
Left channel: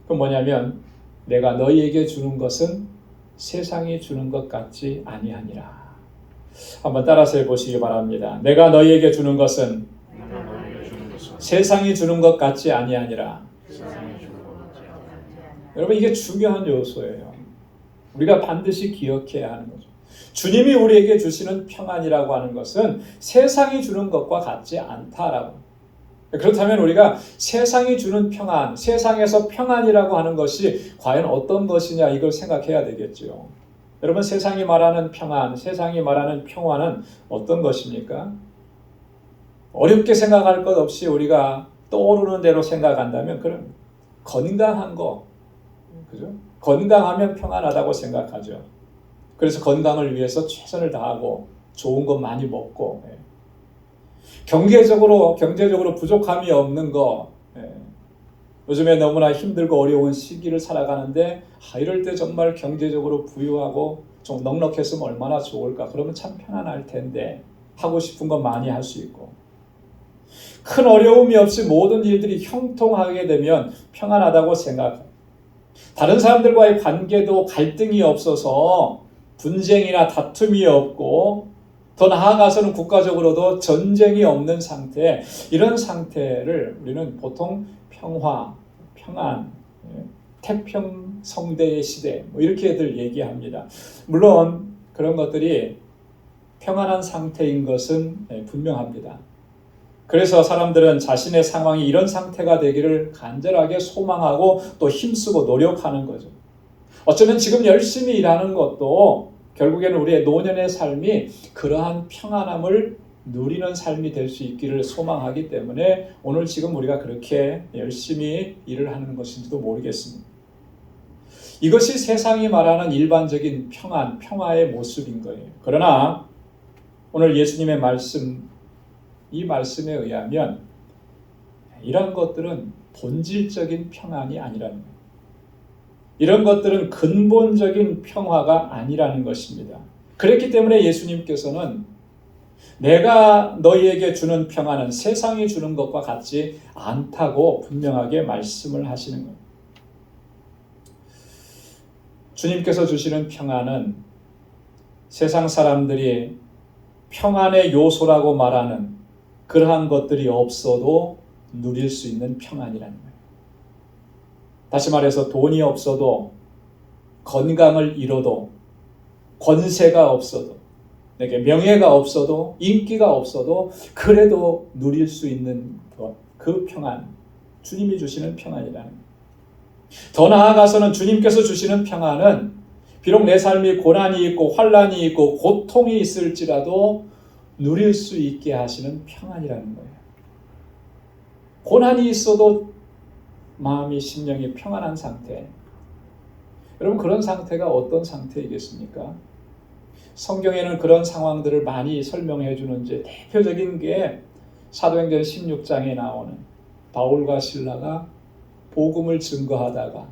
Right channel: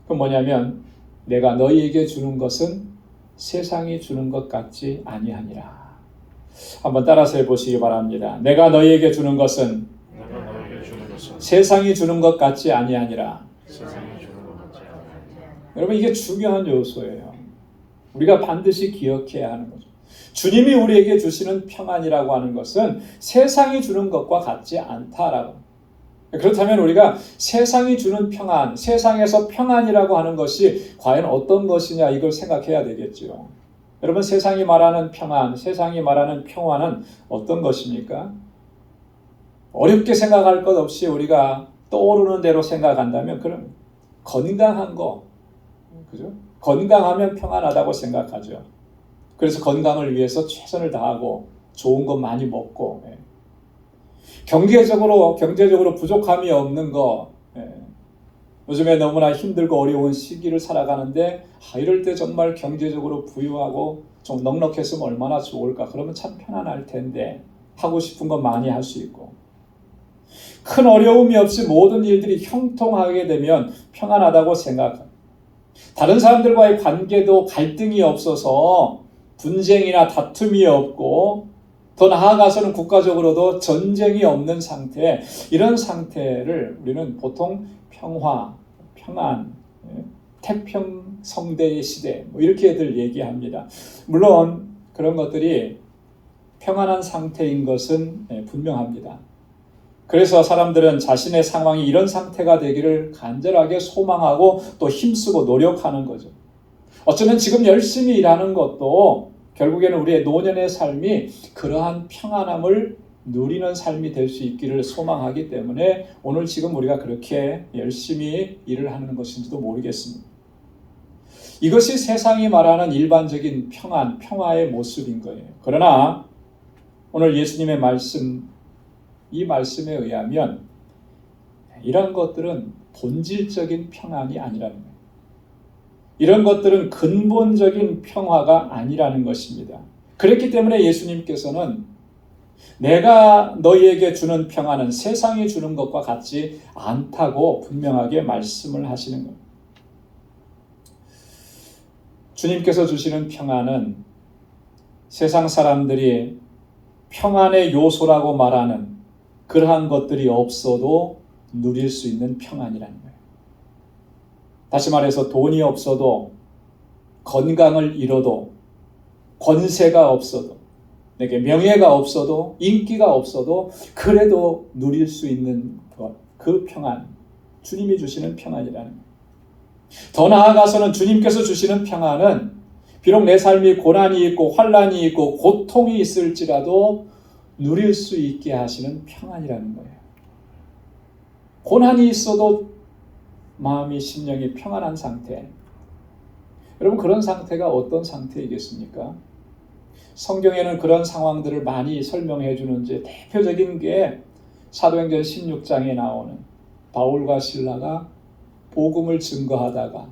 그건 뭐냐면, 내가 너희에게 주는 것은 세상이 주는 것 같지 아니하니라. 한번 따라서 해보시기 바랍니다. 내가 너희에게 주는 것은 세상이 주는 것 같지 아니하니라. 여러분 이게 중요한 요소예요. 우리가 반드시 기억해야 하는 거죠. 주님이 우리에게 주시는 평안이라고 하는 것은 세상이 주는 것과 같지 않다라고. 그렇다면 우리가 세상이 주는 평안, 세상에서 평안이라고 하는 것이 과연 어떤 것이냐, 이걸 생각해야 되겠죠. 여러분 세상이 말하는 평안, 세상이 말하는 평화는 어떤 것입니까? 어렵게 생각할 것 없이 우리가 떠오르는 대로 생각한다면 그런 건강한 거, 그죠? 건강하면 평안하다고 생각하죠. 그래서 건강을 위해서 최선을 다하고 좋은 것 많이 먹고, 경제적으로 부족함이 없는 거, 요즘에 너무나 힘들고 어려운 시기를 살아가는데 이럴 때 정말 경제적으로 부유하고 좀 넉넉했으면 얼마나 좋을까, 그러면 참 편안할 텐데 하고 싶은 거 많이 할 수 있고, 큰 어려움이 없이 모든 일들이 형통하게 되면 평안하다고 생각합니다. 다른 사람들과의 관계도 갈등이 없어서 분쟁이나 다툼이 없고, 더 나아가서는 국가적으로도 전쟁이 없는 상태, 이런 상태를 우리는 보통 평화, 평안, 태평성대의 시대 이렇게들 얘기합니다. 물론 그런 것들이 평안한 상태인 것은 분명합니다. 그래서 사람들은 자신의 상황이 이런 상태가 되기를 간절하게 소망하고 또 힘쓰고 노력하는 거죠. 어쩌면 지금 열심히 일하는 것도 결국에는 우리의 노년의 삶이 그러한 평안함을 누리는 삶이 될 수 있기를 소망하기 때문에 오늘 지금 우리가 그렇게 열심히 일을 하는 것인지도 모르겠습니다. 이것이 세상이 말하는 일반적인 평안, 평화의 모습인 거예요. 그러나 오늘 예수님의 말씀, 이 말씀에 의하면 이런 것들은 본질적인 평안이 아니라는 거예요. 이런 것들은 근본적인 평화가 아니라는 것입니다. 그렇기 때문에 예수님께서는 내가 너희에게 주는 평안은 세상이 주는 것과 같지 않다고 분명하게 말씀을 하시는 겁니다. 주님께서 주시는 평안은 세상 사람들이 평안의 요소라고 말하는 그러한 것들이 없어도 누릴 수 있는 평안이라는 거예요. 다시 말해서 돈이 없어도, 건강을 잃어도, 권세가 없어도, 내게 명예가 없어도, 인기가 없어도 그래도 누릴 수 있는 것, 그 평안, 주님이 주시는 평안이라는 거예요. 더 나아가서는 주님께서 주시는 평안은 비록 내 삶이 고난이 있고 환난이 있고 고통이 있을지라도 누릴 수 있게 하시는 평안이라는 거예요. 고난이 있어도 마음이 심령이 평안한 상태. 여러분, 그런 상태가 어떤 상태이겠습니까? 성경에는 그런 상황들을 많이 설명해 주는데 대표적인 게 사도행전 16장에 나오는 바울과 실라가 복음을 증거하다가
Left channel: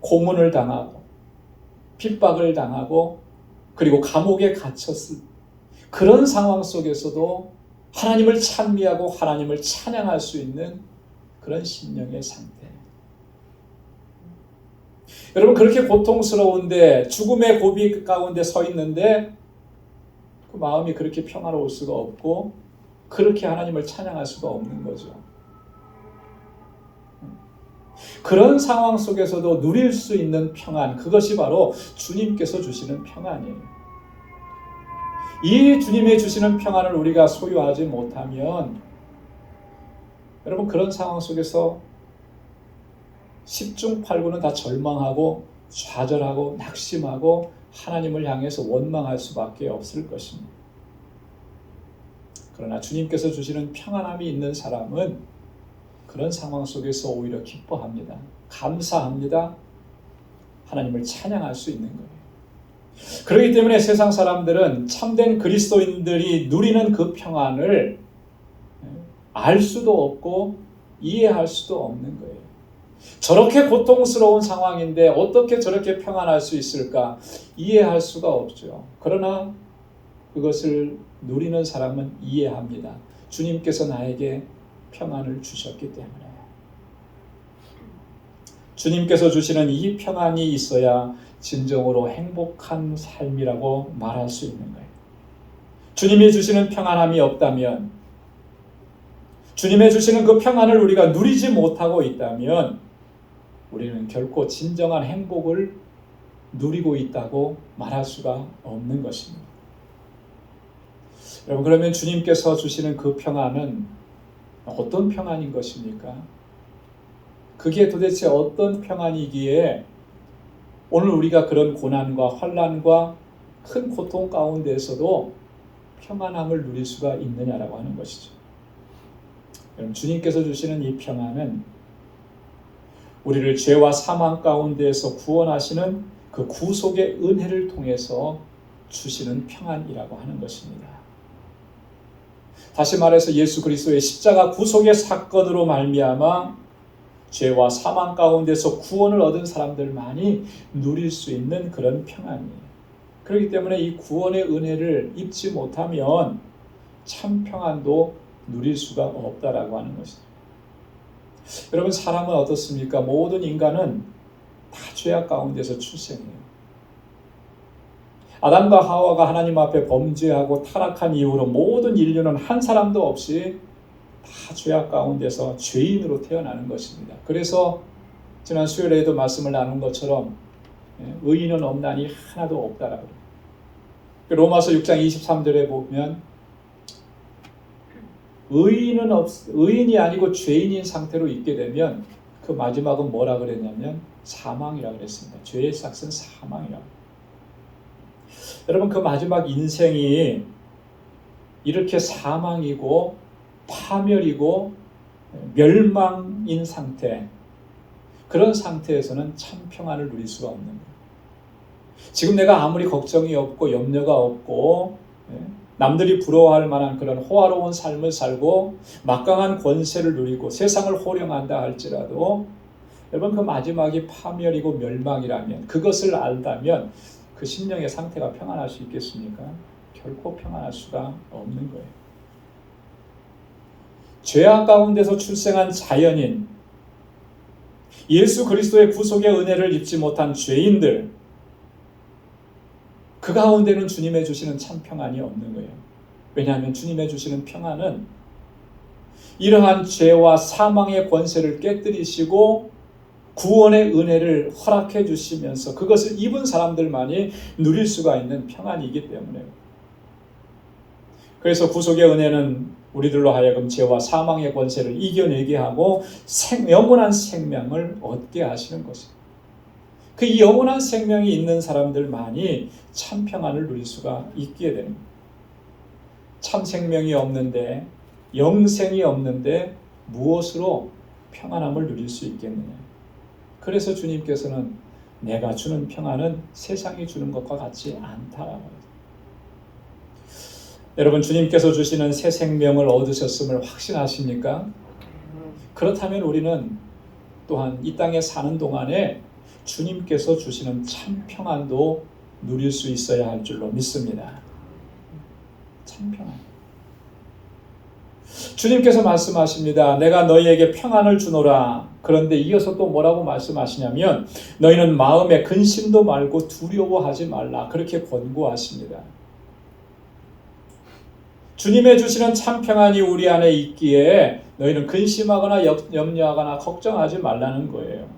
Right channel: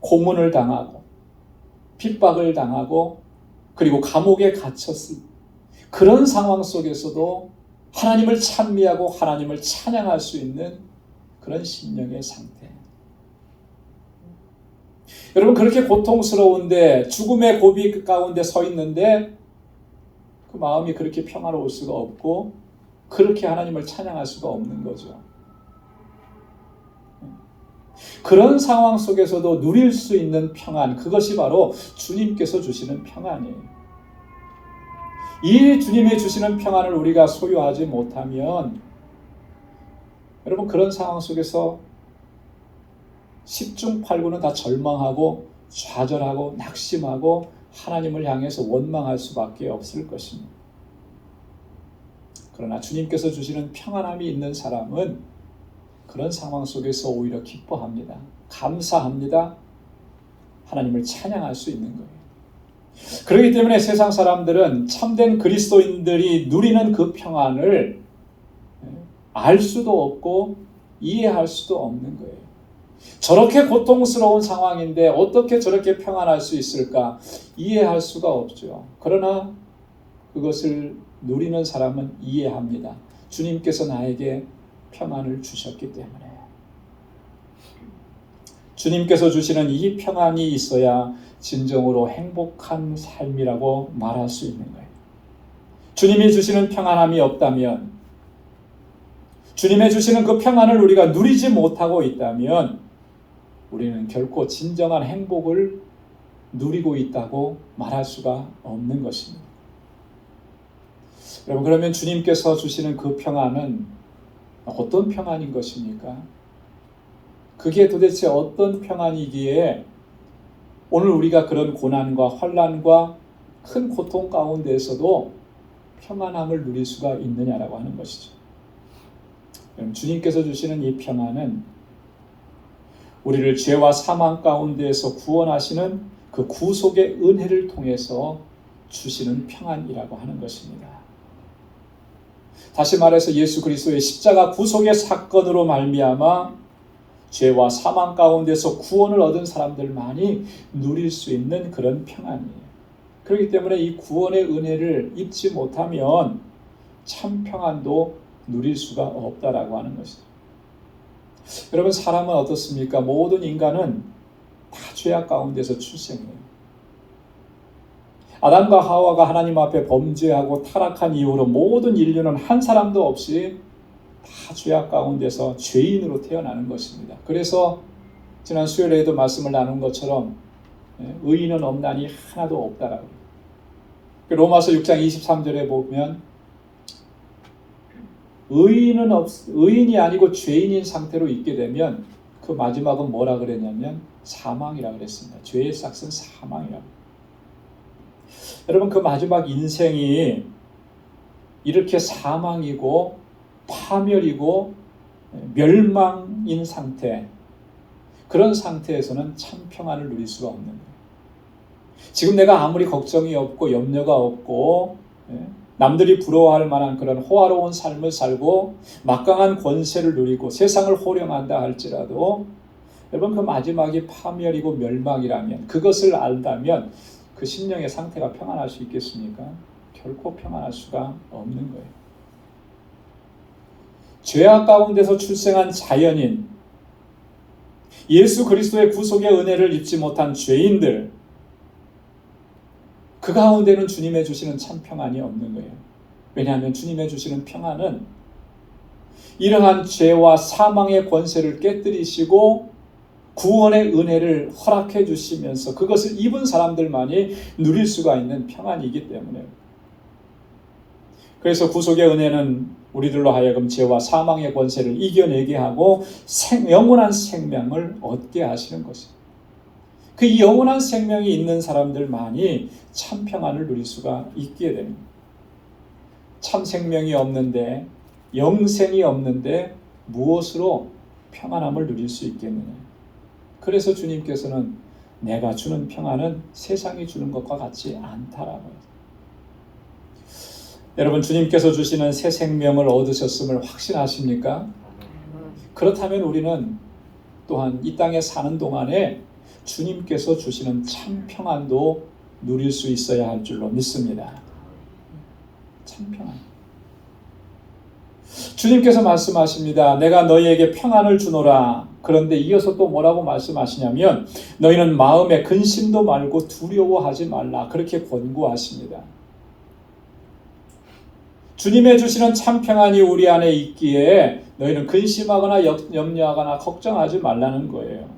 고문을 당하고 핍박을 당하고 그리고 감옥에 갇혔을 그런 상황 속에서도 하나님을 찬미하고 하나님을 찬양할 수 있는 그런 심령의 상태. 여러분, 그렇게 고통스러운데 죽음의 고비 가운데 서 있는데 그 마음이 그렇게 평화로울 수가 없고 그렇게 하나님을 찬양할 수가 없는 거죠. 그런 상황 속에서도 누릴 수 있는 평안, 그것이 바로 주님께서 주시는 평안이에요. 이 주님이 주시는 평안을 우리가 소유하지 못하면 여러분, 그런 상황 속에서 10중 8구는 다 절망하고 좌절하고 낙심하고 하나님을 향해서 원망할 수밖에 없을 것입니다. 그러나 주님께서 주시는 평안함이 있는 사람은 그런 상황 속에서 오히려 기뻐합니다. 감사합니다. 하나님을 찬양할 수 있는 거예요. 그렇기 때문에 세상 사람들은 참된 그리스도인들이 누리는 그 평안을 알 수도 없고 이해할 수도 없는 거예요. 저렇게 고통스러운 상황인데 어떻게 저렇게 평안할 수 있을까? 이해할 수가 없죠. 그러나 그것을 누리는 사람은 이해합니다. 주님께서 나에게 평안을 주셨기 때문에. 주님께서 주시는 이 평안이 있어야 진정으로 행복한 삶이라고 말할 수 있는 거예요. 주님이 주시는 평안함이 없다면, 주님이 주시는 그 평안을 우리가 누리지 못하고 있다면 우리는 결코 진정한 행복을 누리고 있다고 말할 수가 없는 것입니다. 여러분, 그러면 주님께서 주시는 그 평안은 어떤 평안인 것입니까? 그게 도대체 어떤 평안이기에 오늘 우리가 그런 고난과 환난과 큰 고통 가운데에서도 평안함을 누릴 수가 있느냐라고 하는 것이죠. 여러분, 주님께서 주시는 이 평안은 우리를 죄와 사망 가운데에서 구원하시는 그 구속의 은혜를 통해서 주시는 평안이라고 하는 것입니다. 다시 말해서 예수 그리스도의 십자가 구속의 사건으로 말미암아 죄와 사망 가운데서 구원을 얻은 사람들만이 누릴 수 있는 그런 평안이에요. 그렇기 때문에 이 구원의 은혜를 입지 못하면 참 평안도 누릴 수가 없다라고 하는 것이죠. 여러분, 사람은 어떻습니까? 모든 인간은 다 죄악 가운데서 출생해요. 아담과 하와가 하나님 앞에 범죄하고 타락한 이후로 모든 인류는 한 사람도 없이 다 죄악 가운데서 죄인으로 태어나는 것입니다. 그래서 지난 수요일에도 말씀을 나눈 것처럼 의인은 없나니 하나도 없다라고. 로마서 6장 23절에 보면 의인이 아니고 죄인인 상태로 있게 되면 그 마지막은 뭐라 그랬냐면 사망이라고 그랬습니다. 죄의 삭은 사망이라고. 여러분, 그 마지막 인생이 이렇게 사망이고 파멸이고 멸망인 상태, 그런 상태에서는 참 평안을 누릴 수가 없는 거예요. 지금 내가 아무리 걱정이 없고 염려가 없고 남들이 부러워할 만한 그런 호화로운 삶을 살고 막강한 권세를 누리고 세상을 호령한다 할지라도 여러분, 그 마지막이 파멸이고 멸망이라면, 그것을 알다면 그 심령의 상태가 평안할 수 있겠습니까? 결코 평안할 수가 없는 거예요. 죄악 가운데서 출생한 자연인, 예수 그리스도의 구속의 은혜를 입지 못한 죄인들, 그 가운데는 주님의 주시는 참 평안이 없는 거예요. 왜냐하면 주님의 주시는 평안은 이러한 죄와 사망의 권세를 깨뜨리시고 구원의 은혜를 허락해 주시면서 그것을 입은 사람들만이 누릴 수가 있는 평안이기 때문에요. 그래서 구속의 은혜는 우리들로 하여금 죄와 사망의 권세를 이겨내게 하고 영원한 생명을 얻게 하시는 것입니다. 그 영원한 생명이 있는 사람들만이 참 평안을 누릴 수가 있게 됩니다. 참 생명이 없는데, 영생이 없는데 무엇으로 평안함을 누릴 수 있겠느냐. 그래서 주님께서는 내가 주는 평안은 세상이 주는 것과 같지 않다라고. 여러분, 주님께서 주시는 새 생명을 얻으셨음을 확신하십니까? 그렇다면 우리는 또한 이 땅에 사는 동안에 주님께서 주시는 참 평안도 누릴 수 있어야 할 줄로 믿습니다. 참 평안. 주님께서 말씀하십니다. 내가 너희에게 평안을 주노라. 그런데 이어서 또 뭐라고 말씀하시냐면 너희는 마음에 근심도 말고 두려워하지 말라. 그렇게 권고하십니다. 주님의 주시는 참 평안이 우리 안에 있기에 너희는 근심하거나 염려하거나 걱정하지 말라는 거예요.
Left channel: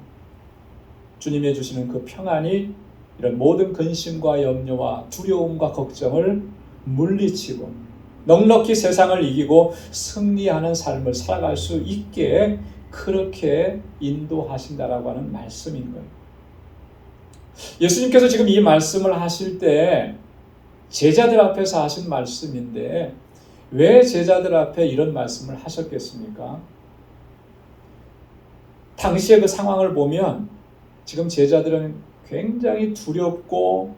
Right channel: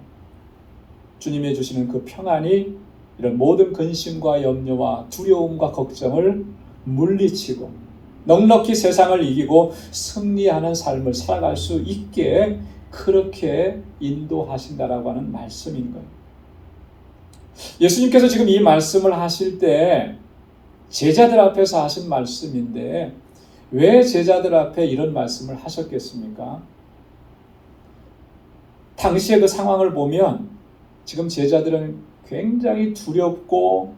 주님의 주시는 그 평안이 이런 모든 근심과 염려와 두려움과 걱정을 물리치고 넉넉히 세상을 이기고 승리하는 삶을 살아갈 수 있게 그렇게 인도하신다라고 하는 말씀인 거예요. 예수님께서 지금 이 말씀을 하실 때 제자들 앞에서 하신 말씀인데 왜 제자들 앞에 이런 말씀을 하셨겠습니까? 당시의 그 상황을 보면 지금 제자들은 굉장히 두렵고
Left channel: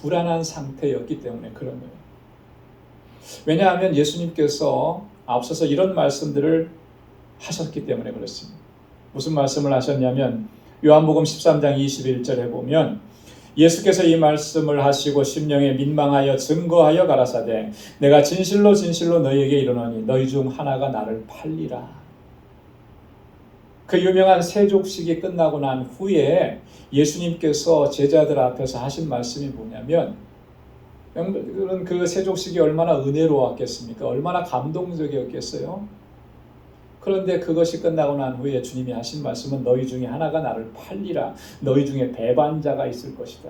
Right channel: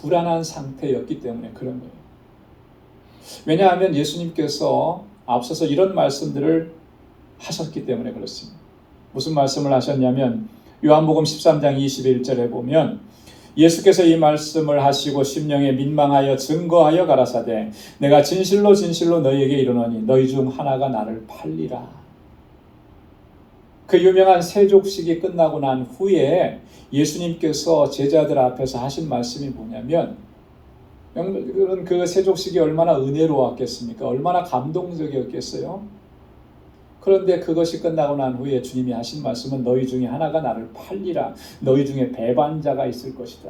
불안한 상태였기 때문에 그런 거예요. 왜냐하면 예수님께서 앞서서 이런 말씀들을 하셨기 때문에 그렇습니다. 무슨 말씀을 하셨냐면 요한복음 13장 21절에 보면 예수께서 이 말씀을 하시고 심령에 민망하여 증거하여 가라사대 내가 진실로 진실로 너희에게 이르노니 너희 중 하나가 나를 팔리라. 그 유명한 세족식이 끝나고 난 후에 예수님께서 제자들 앞에서 하신 말씀이 뭐냐면 그 세족식이 얼마나 은혜로웠겠습니까? 얼마나 감동적이었겠어요? 그런데 그것이 끝나고 난 후에 주님이 하신 말씀은 너희 중에 하나가 나를 팔리라. 너희 중에 배반자가 있을 것이다.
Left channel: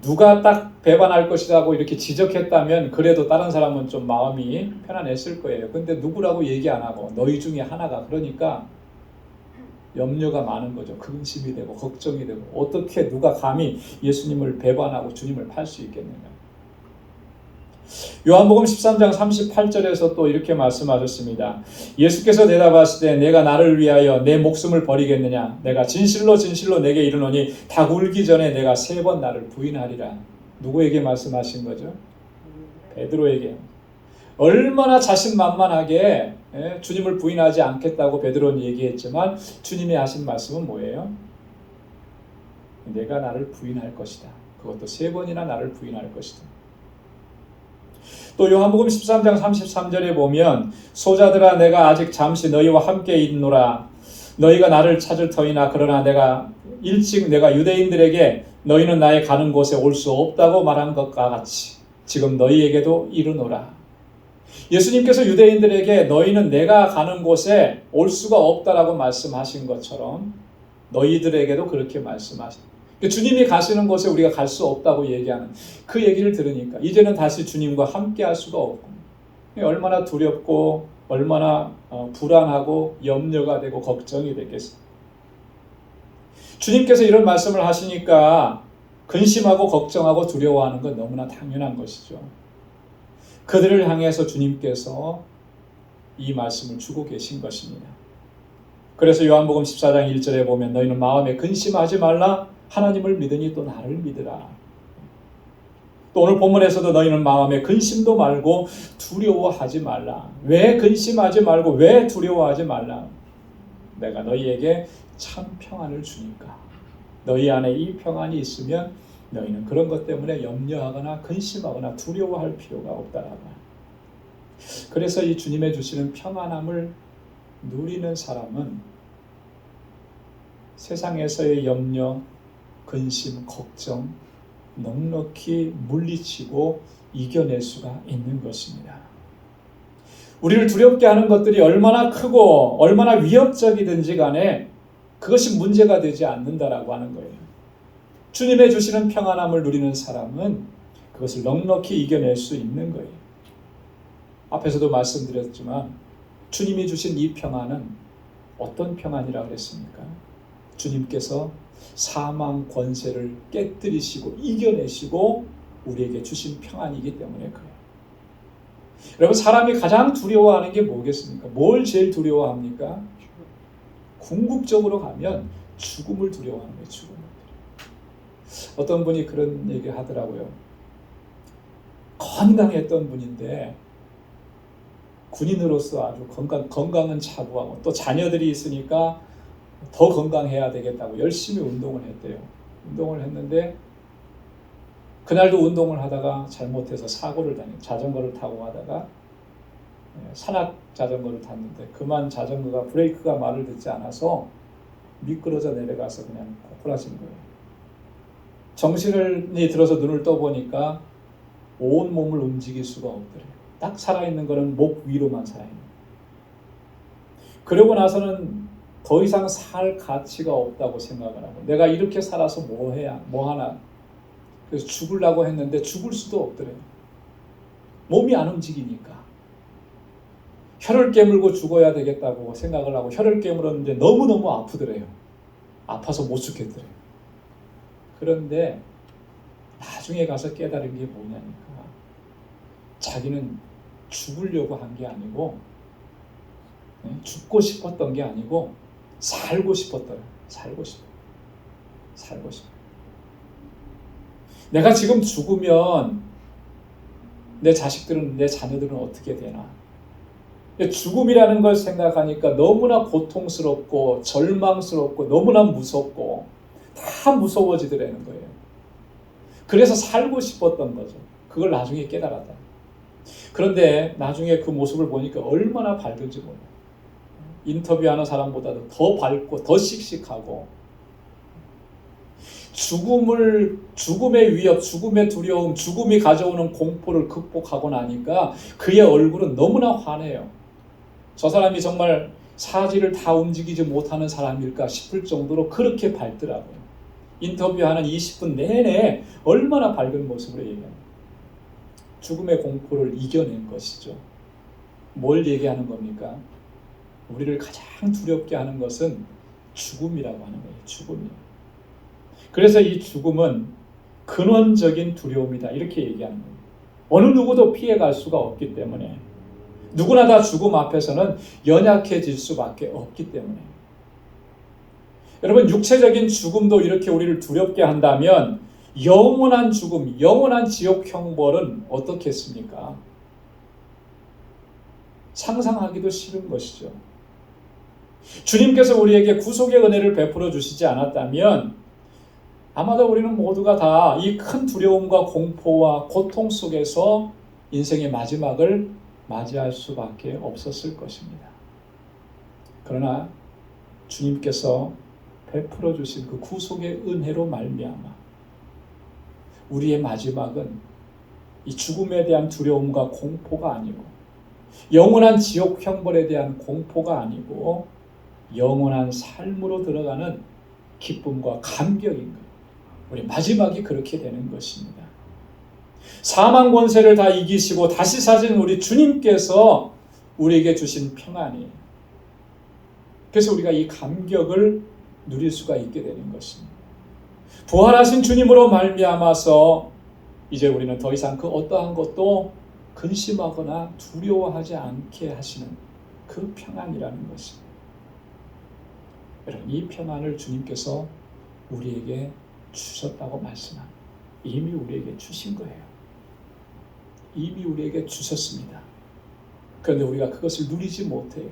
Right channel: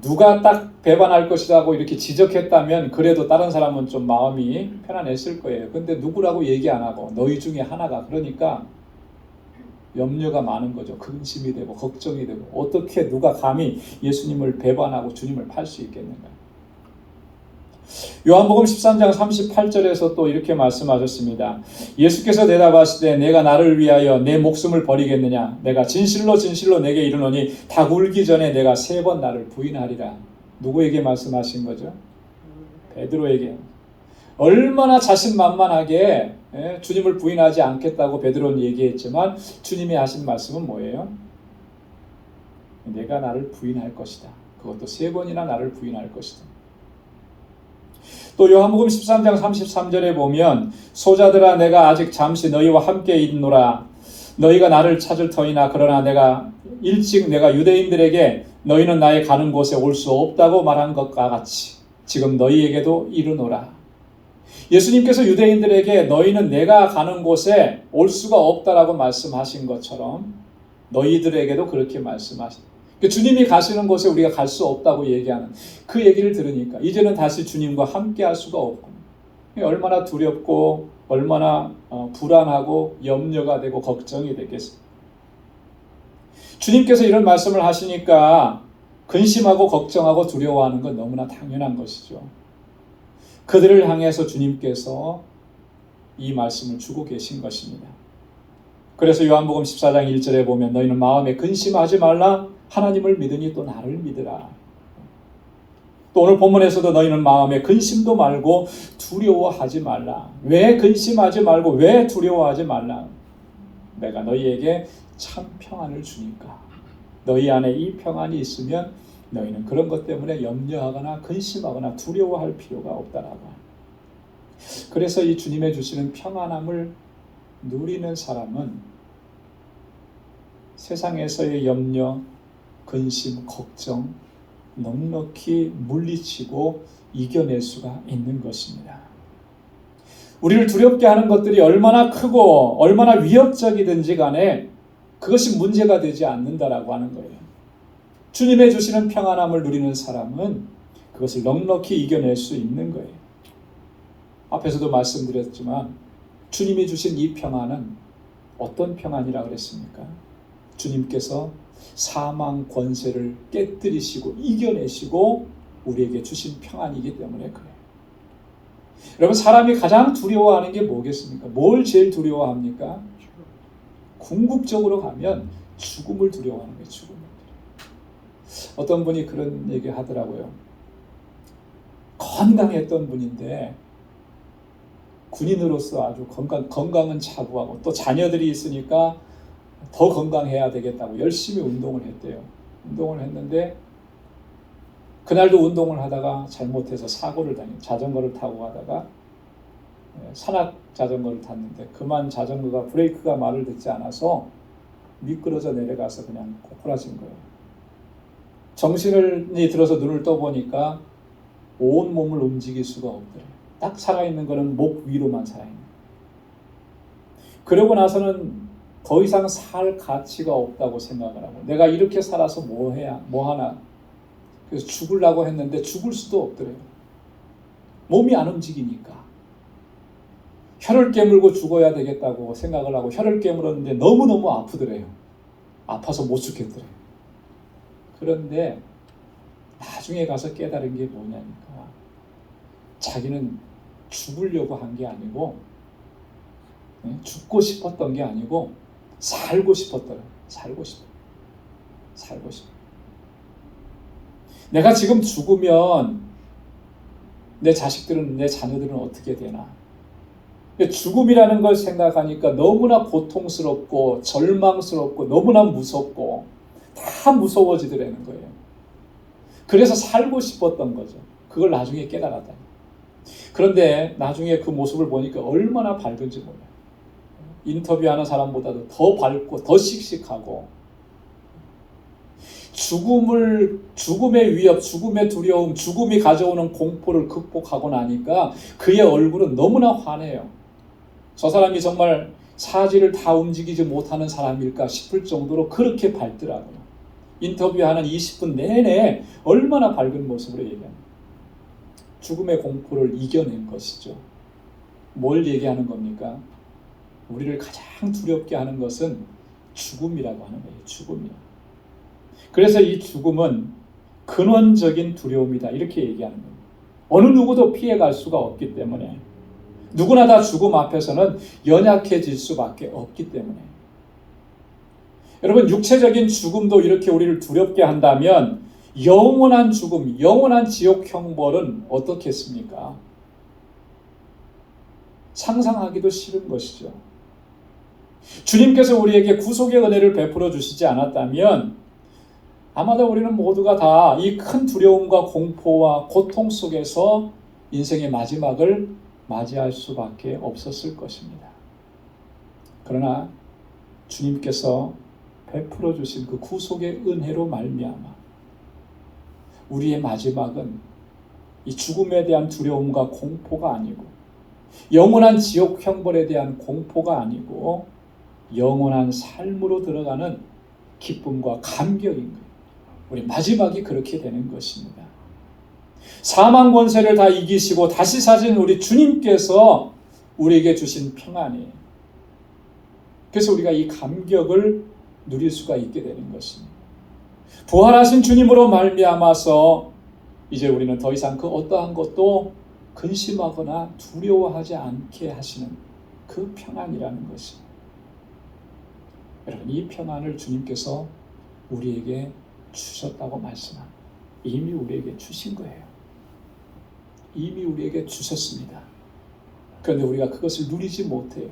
누가 딱 배반할 것이라고 이렇게 지적했다면 그래도 다른 사람은 좀 마음이 편안했을 거예요. 근데 누구라고 얘기 안 하고 너희 중에 하나가, 그러니까 염려가 많은 거죠. 근심이 되고 걱정이 되고 어떻게 누가 감히 예수님을 배반하고 주님을 팔 수 있겠는가. 요한복음 13장 38절에서 또 이렇게 말씀하셨습니다. 예수께서 대답하시되 내가 나를 위하여 내 목숨을 버리겠느냐. 내가 진실로 진실로 내게 이르노니 닭 울기 전에 내가 3번 나를 부인하리라. 누구에게 말씀하신 거죠? 베드로에게. 얼마나 자신만만하게 주님을 부인하지 않겠다고 베드로는 얘기했지만 주님이 하신 말씀은 뭐예요? 내가 나를 부인할 것이다. 그것도 3번이나 나를 부인할 것이다. 또 요한복음 13장 33절에 보면 소자들아 내가 아직 잠시 너희와 함께 있노라. 너희가 나를 찾을 터이나 그러나 내가 일찍 내가 유대인들에게 너희는 나의 가는 곳에 올 수 없다고 말한 것과 같이 지금 너희에게도 이르노라. 예수님께서 유대인들에게 너희는 내가 가는 곳에 올 수가 없다라고 말씀하신 것처럼 너희들에게도 그렇게 말씀하십니다. 주님이 가시는 곳에 우리가 갈 수 없다고 얘기하는 그 얘기를 들으니까 이제는 다시 주님과 함께 할 수가 없고 얼마나 두렵고 얼마나 불안하고 염려가 되고 걱정이 되겠어요. 주님께서 이런 말씀을 하시니까 근심하고 걱정하고 두려워하는 건 너무나 당연한 것이죠. 그들을 향해서 주님께서 이 말씀을 주고 계신 것입니다. 그래서 요한복음 14장 1절에 보면 너희는 마음에 근심하지 말라. 하나님을 믿으니 또 나를 믿으라. 또 오늘 본문에서도 너희는 마음에 근심도 말고 두려워하지 말라. 왜 근심하지 말고 왜 두려워하지 말라? 내가 너희에게 참 평안을 주니까. 너희 안에 이 평안이 있으면 너희는 그런 것 때문에 염려하거나 근심하거나 두려워할 필요가 없다라고. 그래서 이 주님의 주시는 평안함을 누리는 사람은 세상에서의 염려, 근심, 걱정 넉넉히 물리치고 이겨낼 수가 있는 것입니다. 우리를 두렵게 하는 것들이 얼마나 크고 얼마나 위협적이든지 간에 그것이 문제가 되지 않는다라고 하는 거예요. 주님의 주시는 평안함을 누리는 사람은 그것을 넉넉히 이겨낼 수 있는 거예요. 앞에서도 말씀드렸지만 주님이 주신 이 평안은 어떤 평안이라 그랬습니까? 주님께서 사망 권세를 깨뜨리시고 이겨내시고 우리에게 주신 평안이기 때문에 그래요. 여러분, 사람이 가장 두려워하는 게 뭐겠습니까? 뭘 제일 두려워합니까? 궁극적으로 가면 죽음을 두려워하는 거예요. 죽음. 어떤 분이 그런 얘기를 하더라고요. 건강했던 분인데 군인으로서 아주 건강은 차부하고 또 자녀들이 있으니까 더 건강해야 되겠다고 열심히 운동을 했대요. 운동을 했는데 그날도 운동을 하다가 잘못해서 사고를 당해 자전거를 타고 가다가 산악 자전거를 탔는데 그만 자전거가 브레이크가 말을 듣지 않아서 미끄러져 내려가서 그냥 고꾸라진 거예요. 정신이 들어서 눈을 떠보니까 온 몸을 움직일 수가 없더래요. 딱 살아있는 거는 목 위로만 살아있는 거예요. 그러고 나서는 더 이상 살 가치가 없다고 생각을 하고 내가 이렇게 살아서 뭐 하나. 그래서 죽으려고 했는데 죽을 수도 없더래요. 몸이 안 움직이니까. 혀를 깨물고 죽어야 되겠다고 생각을 하고 혀를 깨물었는데 너무너무 아프더래요. 아파서 못 죽겠더래요. 그런데 나중에 가서 깨달은 게 뭐냐니까 자기는 죽으려고 한 게 아니고 죽고 싶었던 게 아니고 살고 싶었더래요. 살고 싶어. 내가 지금 죽으면 내 자식들은 내 자녀들은 어떻게 되나? 죽음이라는 걸 생각하니까 너무나 고통스럽고 절망스럽고 너무나 무섭고 다 무서워지더라는 거예요. 그래서 살고 싶었던 거죠. 그걸 나중에 깨달았다. 그런데 나중에 그 모습을 보니까 얼마나 밝은지 몰라요. 인터뷰하는 사람보다도 더 밝고 더 씩씩하고 죽음의 위협, 죽음의 두려움, 죽음이 가져오는 공포를 극복하고 나니까 그의 얼굴은 너무나 환해요. 저 사람이 정말 사지를 다 움직이지 못하는 사람일까 싶을 정도로 그렇게 밝더라고요. 인터뷰하는 20분 내내 얼마나 밝은 모습으로 얘기합니다. 죽음의 공포를 이겨낸 것이죠. 뭘 얘기하는 겁니까? 우리를 가장 두렵게 하는 것은 죽음이라고 하는 거예요. 죽음이. 그래서 이 죽음은 근원적인 두려움이다. 이렇게 얘기하는 거예요. 어느 누구도 피해갈 수가 없기 때문에 누구나 다 죽음 앞에서는 연약해질 수밖에 없기 때문에 여러분 육체적인 죽음도 이렇게 우리를 두렵게 한다면 영원한 죽음, 영원한 지옥 형벌은 어떻겠습니까? 상상하기도 싫은 것이죠. 주님께서 우리에게 구속의 은혜를 베풀어 주시지 않았다면 아마도 우리는 모두가 다 이 큰 두려움과 공포와 고통 속에서 인생의 마지막을 맞이할 수밖에 없었을 것입니다. 그러나 주님께서 베풀어 주신 그 구속의 은혜로 말미암아 우리의 마지막은 이 죽음에 대한 두려움과 공포가 아니고 영원한 지옥 형벌에 대한 공포가 아니고 영원한 삶으로 들어가는 기쁨과 감격인 거예요. 우리 마지막이 그렇게 되는 것입니다. 사망 권세를 다 이기시고 다시 사신 우리 주님께서 우리에게 주신 평안이에요. 그래서 우리가 이 감격을 누릴 수가 있게 되는 것입니다. 부활하신 주님으로 말미암아서 이제 우리는 더 이상 그 어떠한 것도 근심하거나 두려워하지 않게 하시는 그 평안이라는 것입니다. 여러분, 이 평안을 주님께서 우리에게 주셨다고 말씀합니다. 이미 우리에게 주신 거예요. 이미 우리에게 주셨습니다. 그런데 우리가 그것을 누리지 못해요.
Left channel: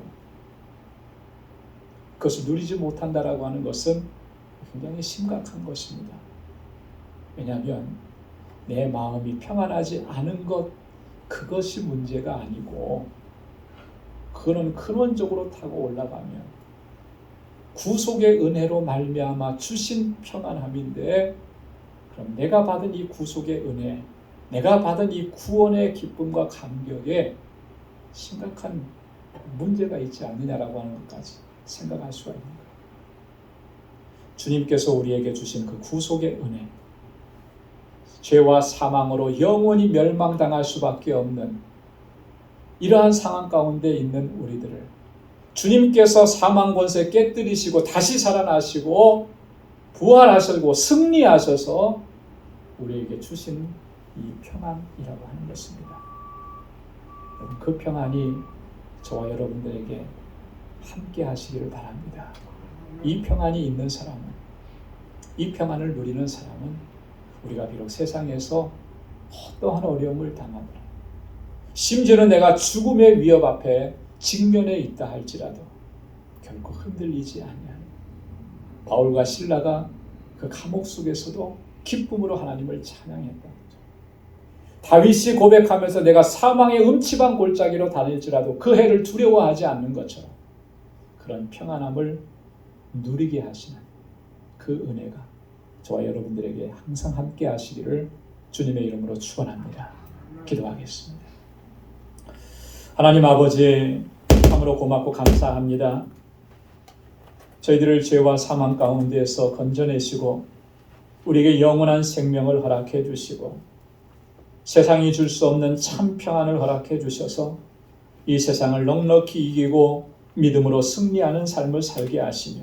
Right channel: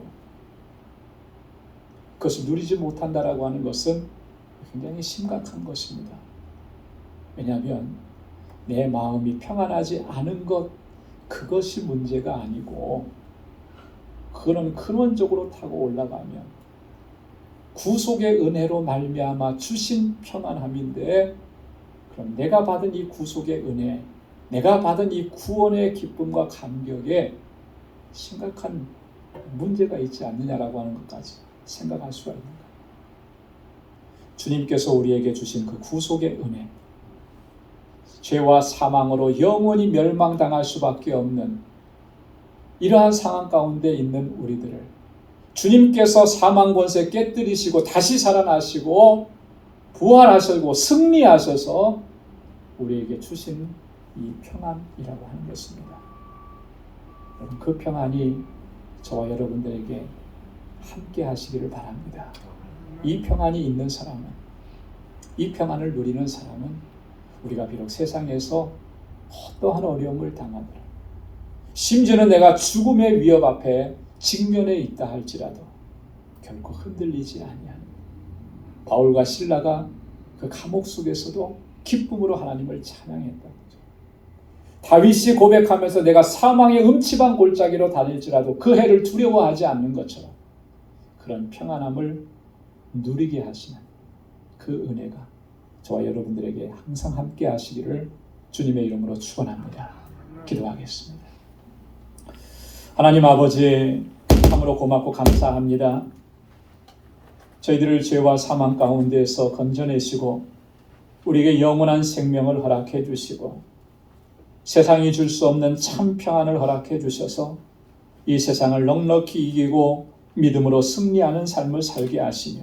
그것을 누리지 못한다라고 하는 것은 굉장히 심각한 것입니다. 왜냐하면 내 마음이 평안하지 않은 것, 그것이 문제가 아니고 그거는 근원적으로 타고 올라가면 구속의 은혜로 말미암아 주신 평안함인데 그럼 내가 받은 이 구속의 은혜, 내가 받은 이 구원의 기쁨과 감격에 심각한 문제가 있지 않느냐라고 하는 것까지 생각할 수가 있습니다. 주님께서 우리에게 주신 그 구속의 은혜, 죄와 사망으로 영원히 멸망당할 수밖에 없는 이러한 상황 가운데 있는 우리들을 주님께서 사망 권세 깨뜨리시고 다시 살아나시고 부활하시고 승리하셔서 우리에게 주신 이 평안이라고 하는 것입니다. 그 평안이 저와 여러분들에게 함께 하시기를 바랍니다. 이 평안이 있는 사람은, 이 평안을 누리는 사람은 우리가 비록 세상에서 어떠한 어려움을 당하더라도, 심지어는 내가 죽음의 위협 앞에 직면해 있다 할지라도 결코 흔들리지 아니하는 바울과 실라가 그 감옥 속에서도 기쁨으로 하나님을 찬양했던 거죠. 다윗이 고백하면서 내가 사망의 음침한 골짜기로 다닐지라도 그 해를 두려워하지 않는 것처럼 그런 평안함을 누리게 하시는 그 은혜가 저와 여러분들에게 항상 함께 하시기를 주님의 이름으로 축원합니다. 기도하겠습니다. 하나님 아버지, 참으로 고맙고 감사합니다. 저희들을 죄와 사망 가운데에서 건져내시고 우리에게 영원한 생명을 허락해 주시고 세상이 줄 수 없는 참 평안을 허락해 주셔서 이 세상을 넉넉히 이기고 믿음으로 승리하는 삶을 살게 하시며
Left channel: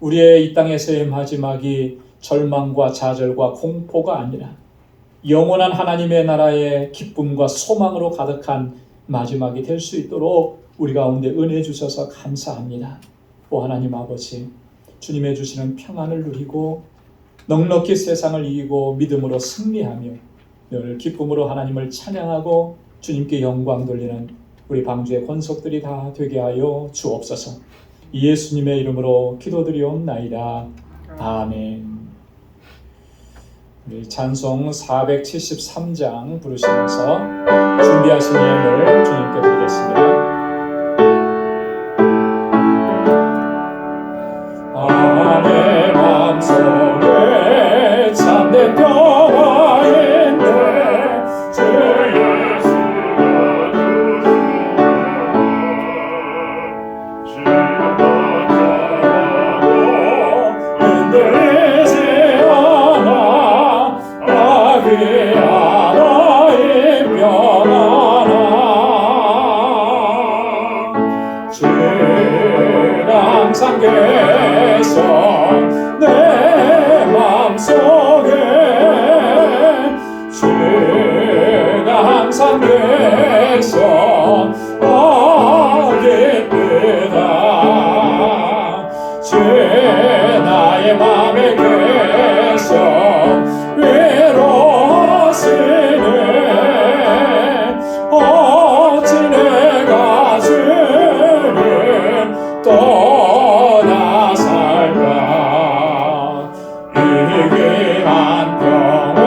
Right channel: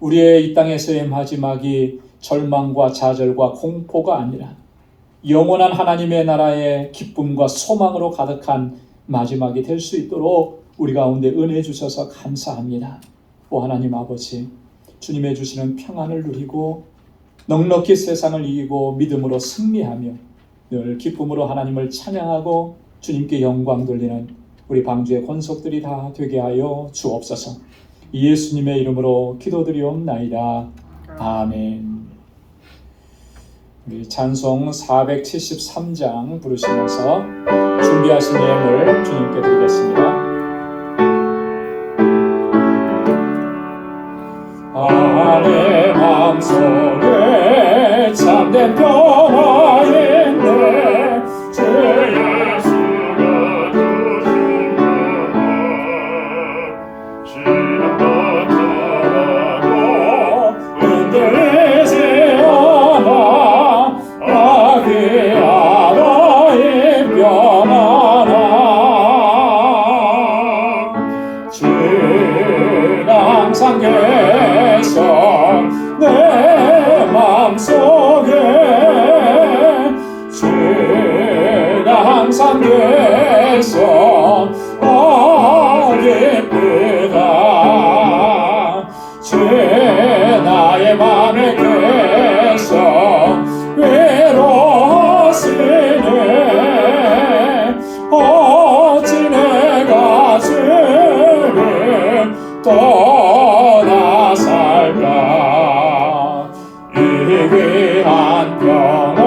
우리의 이 땅에서의 마지막이 절망과 좌절과 공포가 아니라 영원한 하나님의 나라의 기쁨과 소망으로 가득한 마지막이 될 수 있도록 우리 가운데 은혜 주셔서 감사합니다. 오 하나님 아버지, 주님의 주시는 평안을 누리고 넉넉히 세상을 이기고 믿음으로 승리하며 늘 기쁨으로 하나님을 찬양하고 주님께 영광 돌리는 우리 방주의 권속들이 다 되게 하여 주옵소서. 예수님의 이름으로 기도드리옵나이다. 아멘. 우리 찬송 473장 부르시면서 준비하신 예물을 주님께 드리겠습니다. 내 마음속에 참된 평화인데 주 예수가 흔들리지 않아 나의 하나의 평안아 주는 항상 계셔 내 맘속에 주가 항상 계셔 기쁘다 주 나의 맘에 계셔 외로워하시네 어찌 내가 주를 떠나 살까 이 귀한 평화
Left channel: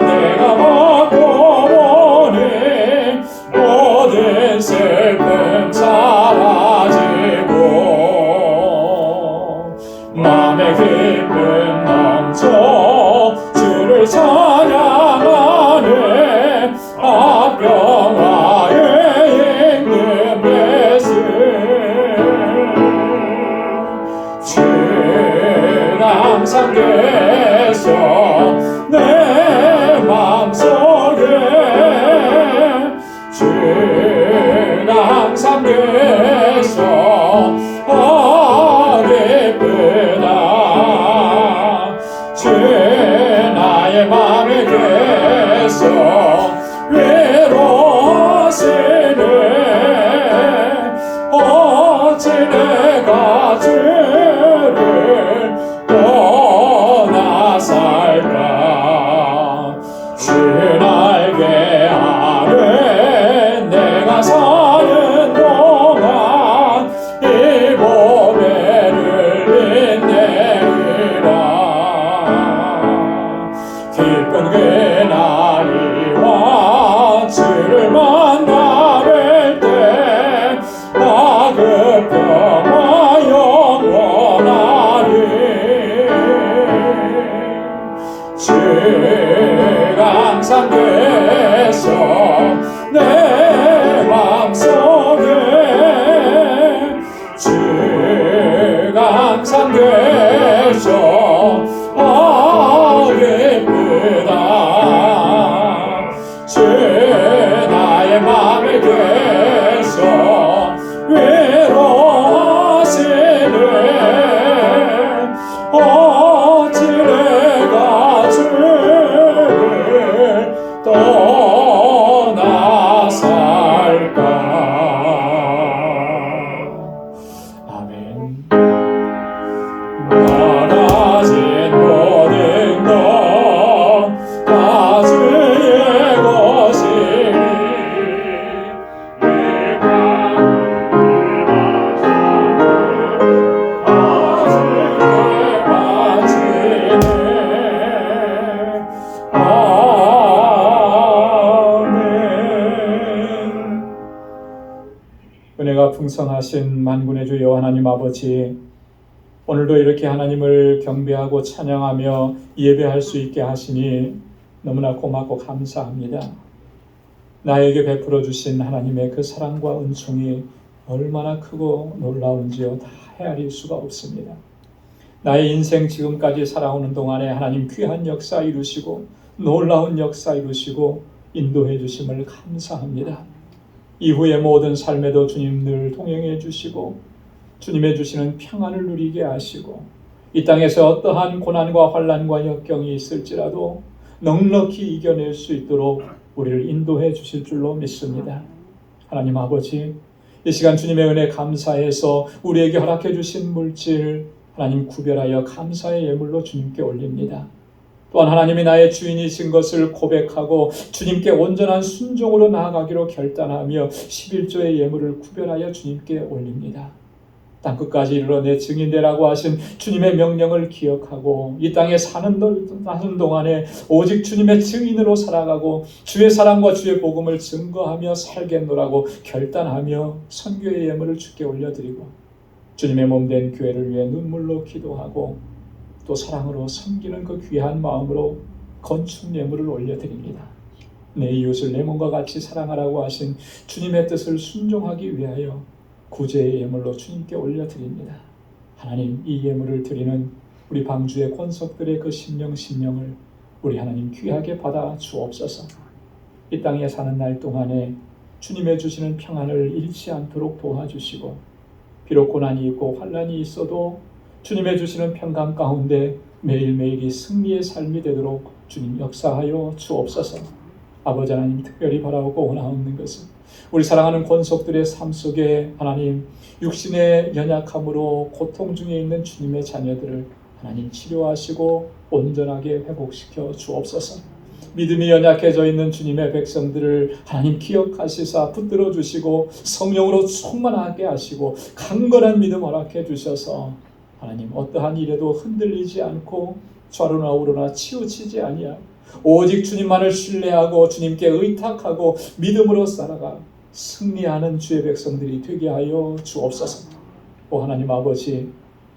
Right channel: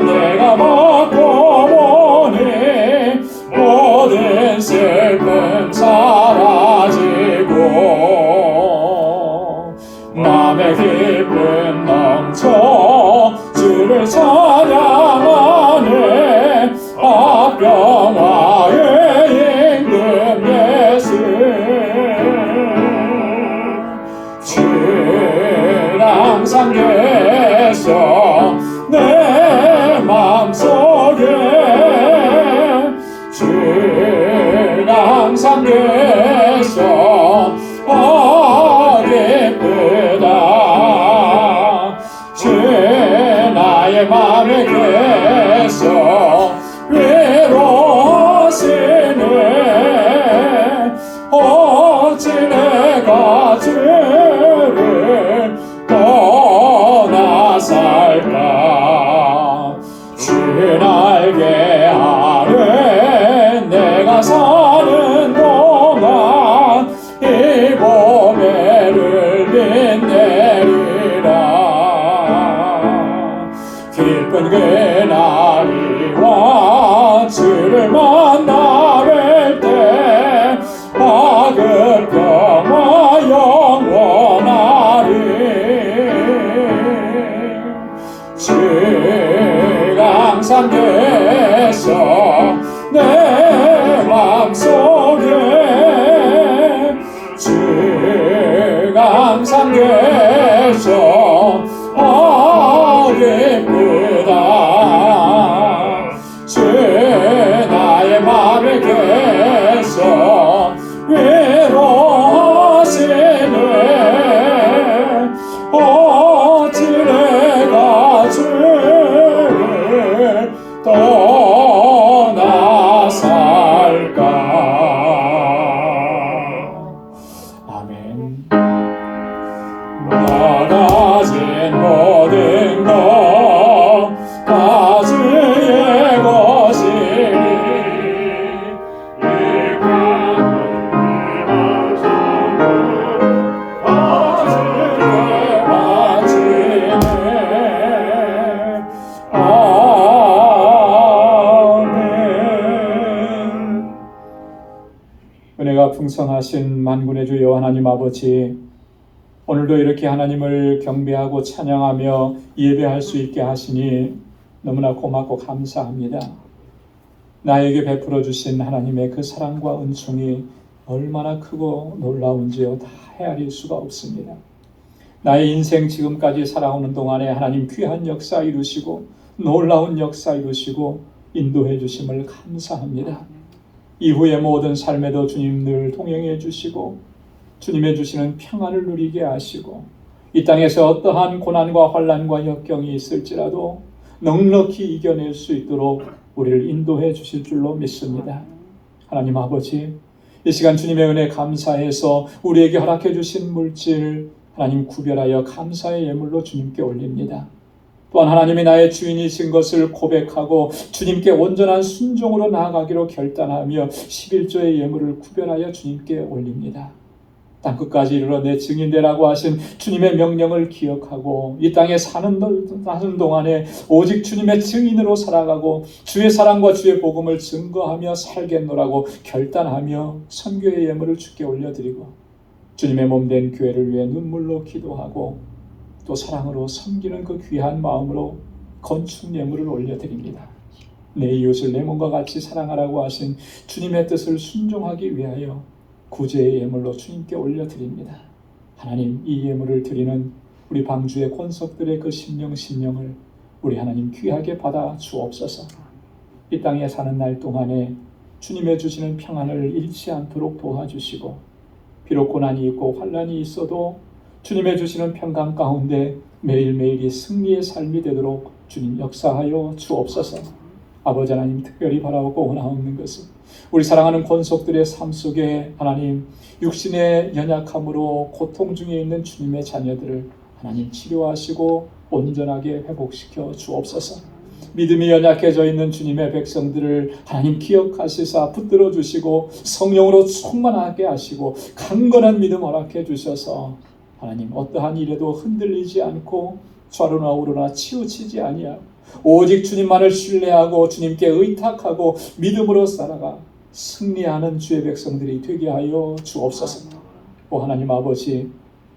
내가 받고 보니 모든 슬픔 사라지고 맘에 기쁨 넘쳐 주를 찬양하네 평화의 임금 예수 주는 항상 계셔 내 맘속에 주는 항상 계셔 기쁘다 주 나의 맘에 계셔 외로워하시네 어찌 내가 주를 떠나 살까 주 날 위하여 내가 사는 동안 은혜가 풍성하신 만군의 주 여호와 하나님 아버지, 오늘도 이렇게 하나님을 경배하고 찬양하며 예배할 수 있게 하시니 너무나 고맙고 감사합니다. 나에게 베풀어 주신 하나님의 그 사랑과 은총이 얼마나 크고 놀라운지요, 다 헤아릴 수가 없습니다. 나의 인생 지금까지 살아오는 동안에 하나님 귀한 역사 이루시고 놀라운 역사 이루시고 인도해 주심을 감사합니다. 이후의 모든 삶에도 주님 늘 동행해 주시고 주님의 주시는 평안을 누리게 하시고 이 땅에서 어떠한 고난과 환난과 역경이 있을지라도 넉넉히 이겨낼 수 있도록 우리를 인도해 주실 줄로 믿습니다. 하나님 아버지, 이 시간 주님의 은혜 감사해서 우리에게 허락해 주신 물질 하나님 구별하여 감사의 예물로 주님께 올립니다. 또한 하나님이 나의 주인이신 것을 고백하고 주님께 온전한 순종으로 나아가기로 결단하며 11조의 예물을 구별하여 주님께 올립니다. 땅끝까지 이르러 내 증인되라고 하신 주님의 명령을 기억하고 이 땅에 사는 동안에 오직 주님의 증인으로 살아가고 주의 사랑과 주의 복음을 증거하며 살겠노라고 결단하며 선교의 예물을 주께 올려드리고 주님의 몸된 교회를 위해 눈물로 기도하고 또 사랑으로 섬기는 그 귀한 마음으로 건축 예물을 올려드립니다. 내 이웃을 내 몸과 같이 사랑하라고 하신 주님의 뜻을 순종하기 위하여 구제의 예물로 주님께 올려드립니다. 하나님, 이 예물을 드리는 우리 방주의 권속들의 그 심령을 우리 하나님 귀하게 받아 주옵소서. 이 땅에 사는 날 동안에 주님의 주시는 평안을 잃지 않도록 도와주시고 비록 고난이 있고 환난이 있어도 주님의 주시는 평강 가운데 매일매일이 승리의 삶이 되도록 주님 역사하여 주옵소서. 아버지 하나님, 특별히 바라고 원하는 것은 우리 사랑하는 권속들의 삶 속에 하나님 육신의 연약함으로 고통 중에 있는 주님의 자녀들을 하나님 치료하시고 온전하게 회복시켜 주옵소서. 믿음이 연약해져 있는 주님의 백성들을 하나님 기억하시사 붙들어 주시고 성령으로 충만하게 하시고 강건한 믿음 허락해 주셔서 하나님 어떠한 일에도 흔들리지 않고 좌로나 우로나 치우치지 아니하고 오직 주님만을 신뢰하고 주님께 의탁하고 믿음으로 살아가 승리하는 주의 백성들이 되게 하여 주옵소서. 오 하나님 아버지,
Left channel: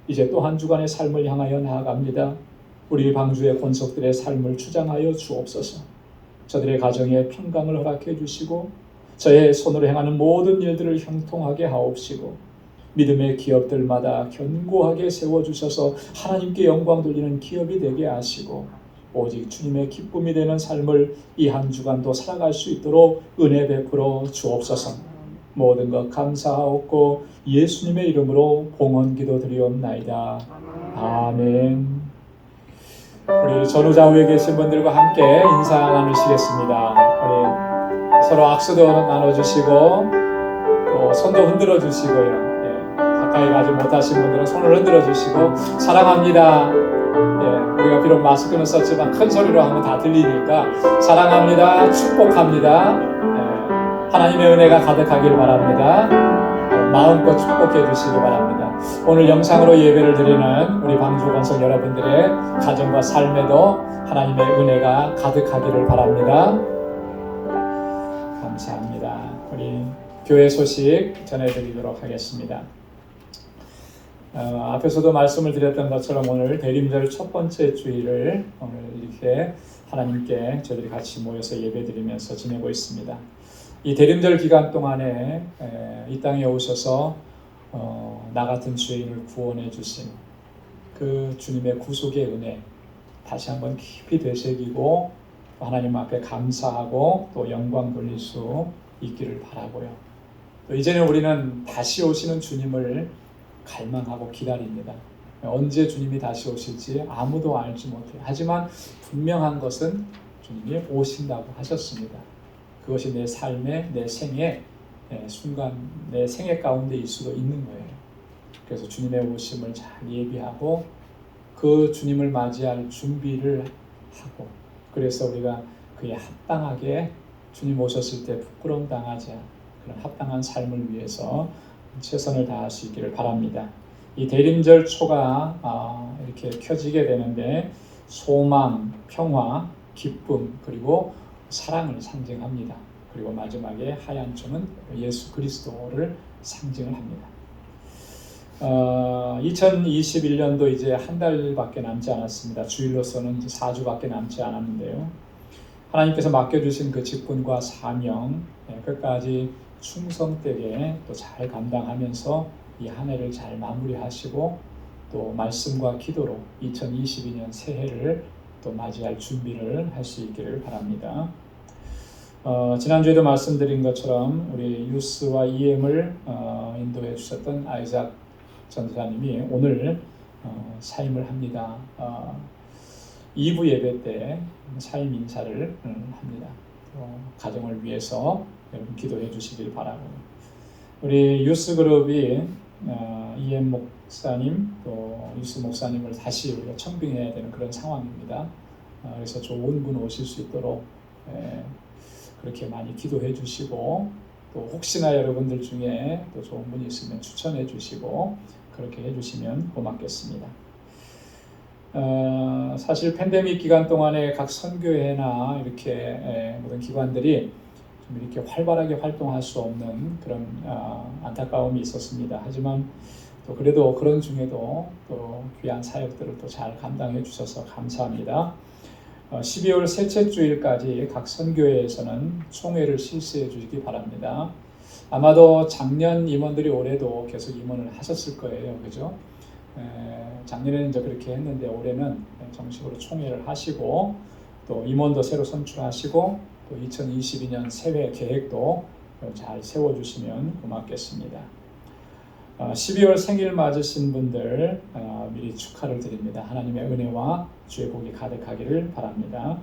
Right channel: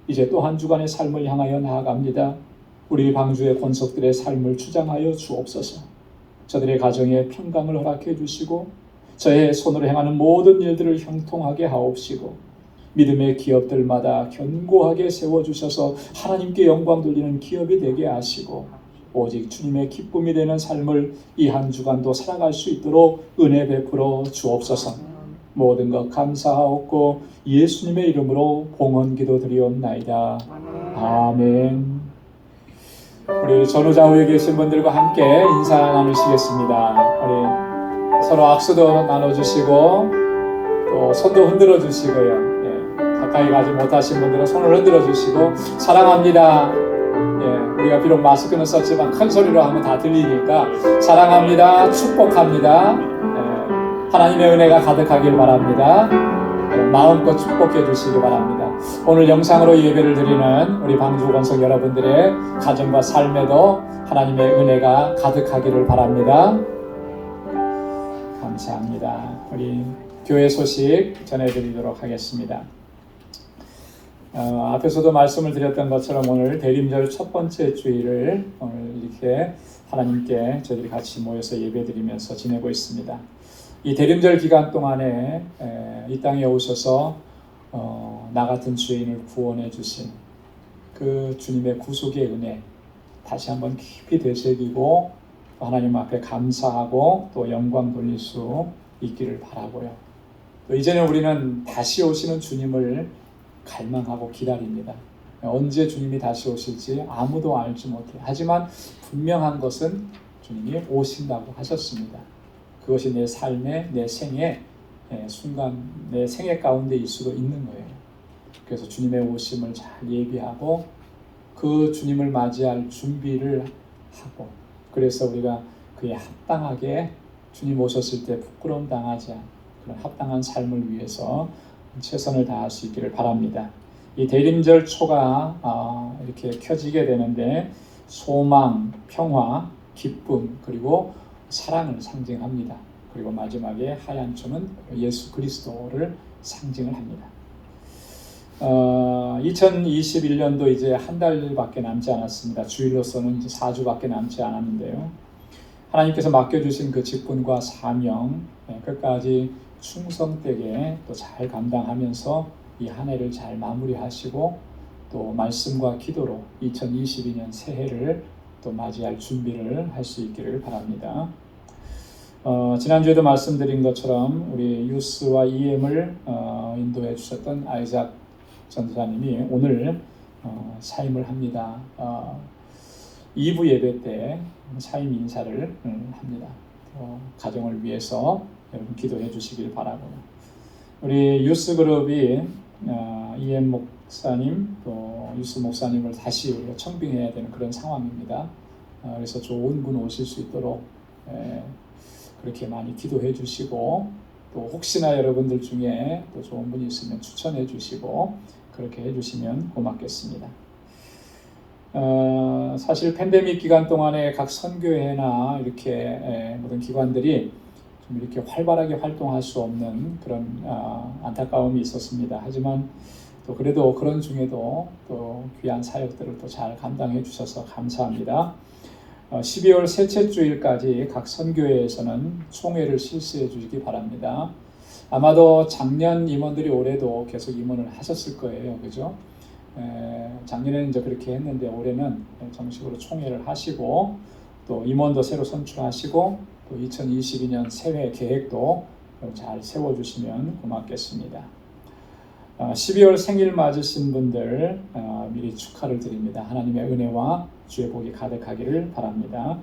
이제 또 한 주간의 삶을 향하여 나아갑니다. 우리 방주의 권속들의 삶을 주장하여 주옵소서. 저들의 가정에 평강을 허락해 주시고 저의 손으로 행하는 모든 일들을 형통하게 하옵시고 믿음의 기업들마다 견고하게 세워주셔서 하나님께 영광 돌리는 기업이 되게 하시고 오직 주님의 기쁨이 되는 삶을 이 한 주간도 살아갈 수 있도록 은혜 베풀어 주옵소서. 모든 것 감사하옵고 예수님의 이름으로 봉헌 기도 드리옵나이다. 아멘. 우리 전후좌우에 계신 분들과 함께 인사 나누시겠습니다. 우리 서로 악수도 나눠주시고 또 손도 흔들어 주시고요. 가까이 가지 못하신 분들은 손을 흔들어 주시고 사랑합니다. 우리가 비록 마스크는 썼지만 큰 소리로 하면 다 들리니까 사랑합니다. 축복합니다. 하나님의 은혜가 가득하길 바랍니다. 마음껏 축복해 주시기 바랍니다. 오늘 영상으로 예배를 드리는 우리 방주 권속 여러분들의 가정과 삶에도 하나님의 은혜가 가득하기를 바랍니다. 감사합니다. 우리 교회 소식 전해드리도록 하겠습니다. 앞에서도 말씀을 드렸던 것처럼 오늘 대림절 첫 번째 주일을 오늘 이렇게 하나님께 저희들이 같이 모여서 예배드리면서 지내고 있습니다. 이 대림절 기간 동안에 이 땅에 오셔서 나 같은 죄인을 구원해 주신 그 주님의 구속의 은혜 다시 한번 깊이 되새기고 하나님 앞에 감사하고 또 영광 돌릴 수 있기를 바라고요. 또 이제는 우리는 다시 오시는 주님을 갈망하고 기다립니다. 언제 주님이 다시 오실지 아무도 알지 못해요. 하지만 분명한 것은 주님이 오신다고 하셨습니다. 그것이 내 삶의, 내 생의 순간, 내 생애 가운데 있을 수도 있는 거예요. 그래서 주님의 오심을 잘 예비하고 그 주님을 맞이할 준비를 하고 그래서 우리가 그에 합당하게 주님 오셨을 때 부끄러움 당하지 않고 그런 합당한 삶을 위해서 최선을 다할 수 있기를 바랍니다. 이 대림절 초가 이렇게 켜지게 되는데 소망, 평화, 기쁨 그리고 사랑을 상징합니다. 그리고 마지막에 하얀 초는 예수 그리스도를 상징을 합니다. 2021년도 이제 한 달밖에 남지 않았습니다. 주일로서는 이제 4주밖에 남지 않았는데요. 하나님께서 맡겨주신 그 직분과 사명 끝까지 충성되게 또 잘 감당하면서 이 한 해를 잘 마무리하시고 또 말씀과 기도로 2022년 새해를 또 맞이할 준비를 할 수 있기를 바랍니다. 지난주에도 말씀드린 것처럼 우리 유스와 EM을 인도해 주셨던 아이작 전도사님이 오늘 사임을 합니다. 2부 예배 때 사임 인사를 합니다. 가정을 위해서 여러분 기도해 주시길 바라고, 우리 유스 그룹이 EM 목사님 또 유스 목사님을 다시 우리가 청빙해야 되는 그런 상황입니다. 그래서 좋은 분 오실 수 있도록 그렇게 많이 기도해 주시고, 또 혹시나 여러분들 중에 또 좋은 분이 있으면 추천해 주시고 그렇게 해 주시면 고맙겠습니다. 사실 팬데믹 기간 동안에 각 선교회나 이렇게 모든 기관들이 좀 이렇게 활발하게 활동할 수 없는 그런 안타까움이 있었습니다. 하지만 또 그래도 그런 중에도 또 귀한 사역들을 또 잘 감당해 주셔서 감사합니다. 12월 셋째 주일까지 각 선교회에서는 총회를 실시해 주시기 바랍니다. 아마도 작년 임원들이 올해도 계속 임원을 하셨을 거예요, 그죠? 작년에는 이제 그렇게 했는데 올해는 정식으로 총회를 하시고 또 임원도 새로 선출하시고 또 2022년 새해 계획도 잘 세워주시면 고맙겠습니다. 12월 생일 맞으신 분들 미리 축하를 드립니다. 하나님의 은혜와 주의 복이 가득하기를 바랍니다.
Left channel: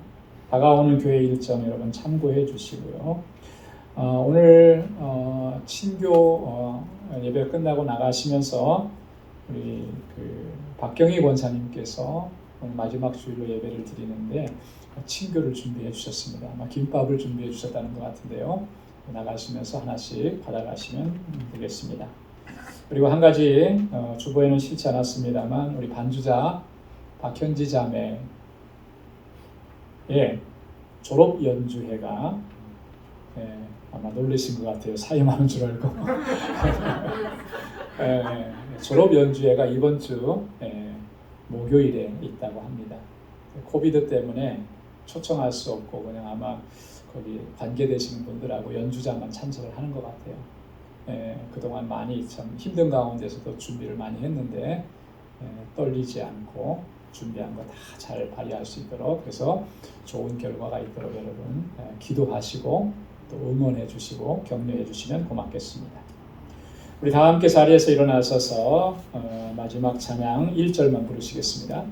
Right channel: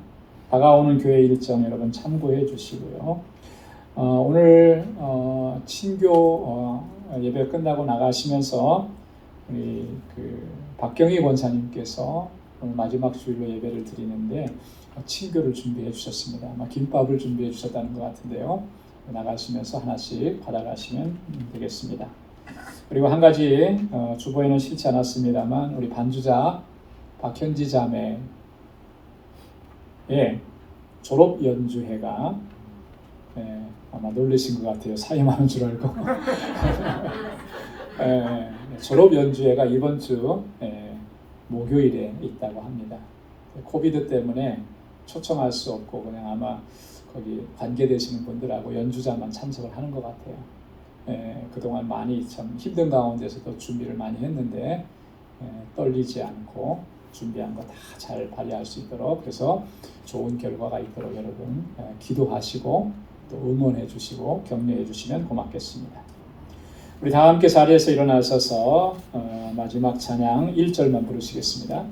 다가오는 교회 일정 여러분 참고해 주시고요. 오늘 친교 예배 끝나고 나가시면서 우리 박경희 권사님께서 오늘 마지막 주일로 예배를 드리는데 친교를 준비해 주셨습니다. 김밥을 준비해 주셨다는 것 같은데요. 나가시면서 하나씩 받아가시면 되겠습니다. 그리고 한 가지 주보에는 실지 않았습니다만 우리 반주자 박현지 자매의 졸업 연주회가 아마 놀라신 것 같아요. 사임하는 줄 알고. 졸업 연주회가 이번 주 목요일에 있다고 합니다. 코비드 때문에 초청할 수 없고 그냥 아마 거기 관계되시는 분들하고 연주자만 참석을 하는 것 같아요. 그동안 많이 참 힘든 가운데서도 준비를 많이 했는데 떨리지 않고 준비한 거 다 잘 발휘할 수 있도록, 그래서 좋은 결과가 있도록 여러분 기도하시고 또 응원해 주시고 격려해 주시면 고맙겠습니다. 우리 다 함께 자리에서 일어나셔서 마지막 찬양 1절만 부르시겠습니다.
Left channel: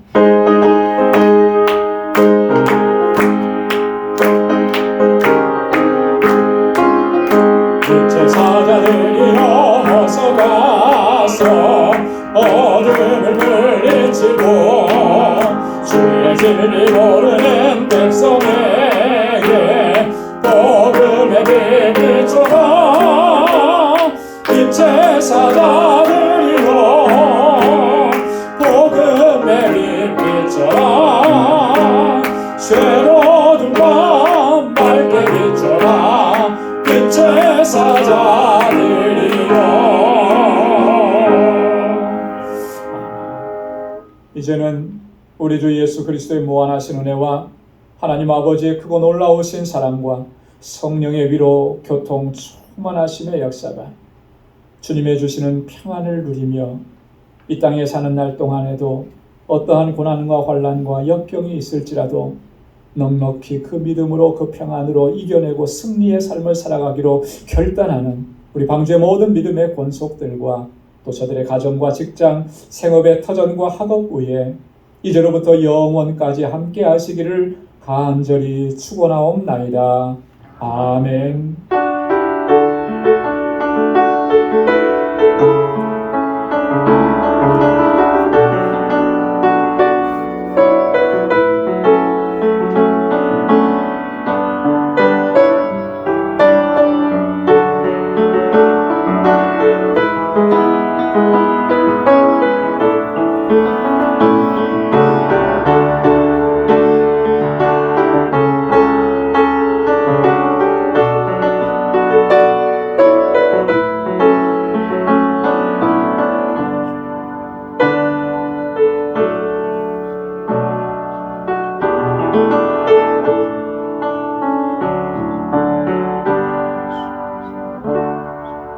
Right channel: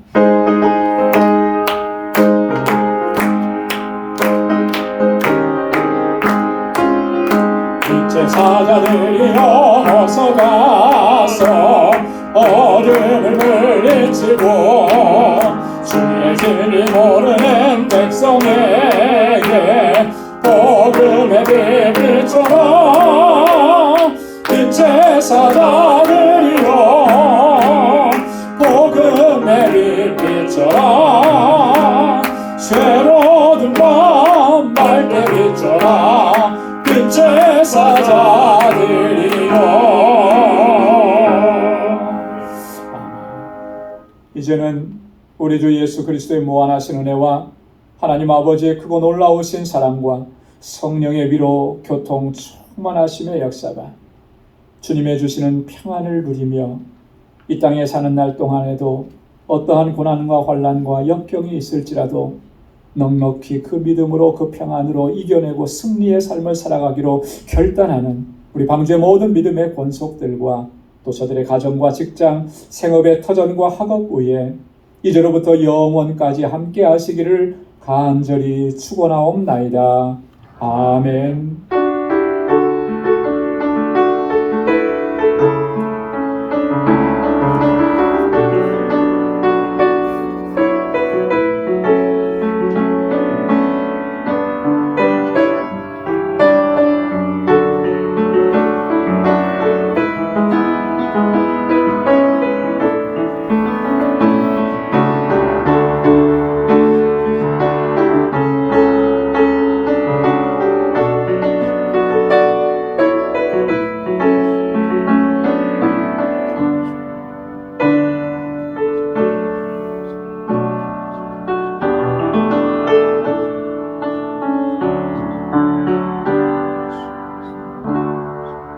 제사자들이여 어서 가서 어둠을 물리치고 주의 진리 모르는 백성에게 복음의 빛 비춰라. 이 제사자들이여 복음의 빛 비춰라. 새로운 밤 밝게 비춰라. 이 제사자들이여. 이제는 우리 주 예수 그리스도의 무한하신 은혜와 하나님 아버지의 크고 놀라우신 사랑과 성령의 위로 교통 충만하심의 역사가 주님의 주시는 평안을 누리며 이 땅에 사는 날 동안에도 어떠한 고난과 환난과 역경이 있을지라도 넉넉히 그 믿음으로 그 평안으로 이겨내고 승리의 삶을 살아가기로 결단하는 우리 방주의 모든 믿음의 권속들과 또 저들의 가정과 직장, 생업의 터전과 학업 위에 이제로부터 영원까지 함께 하시기를 간절히 축원하옵나이다. 아멘. 주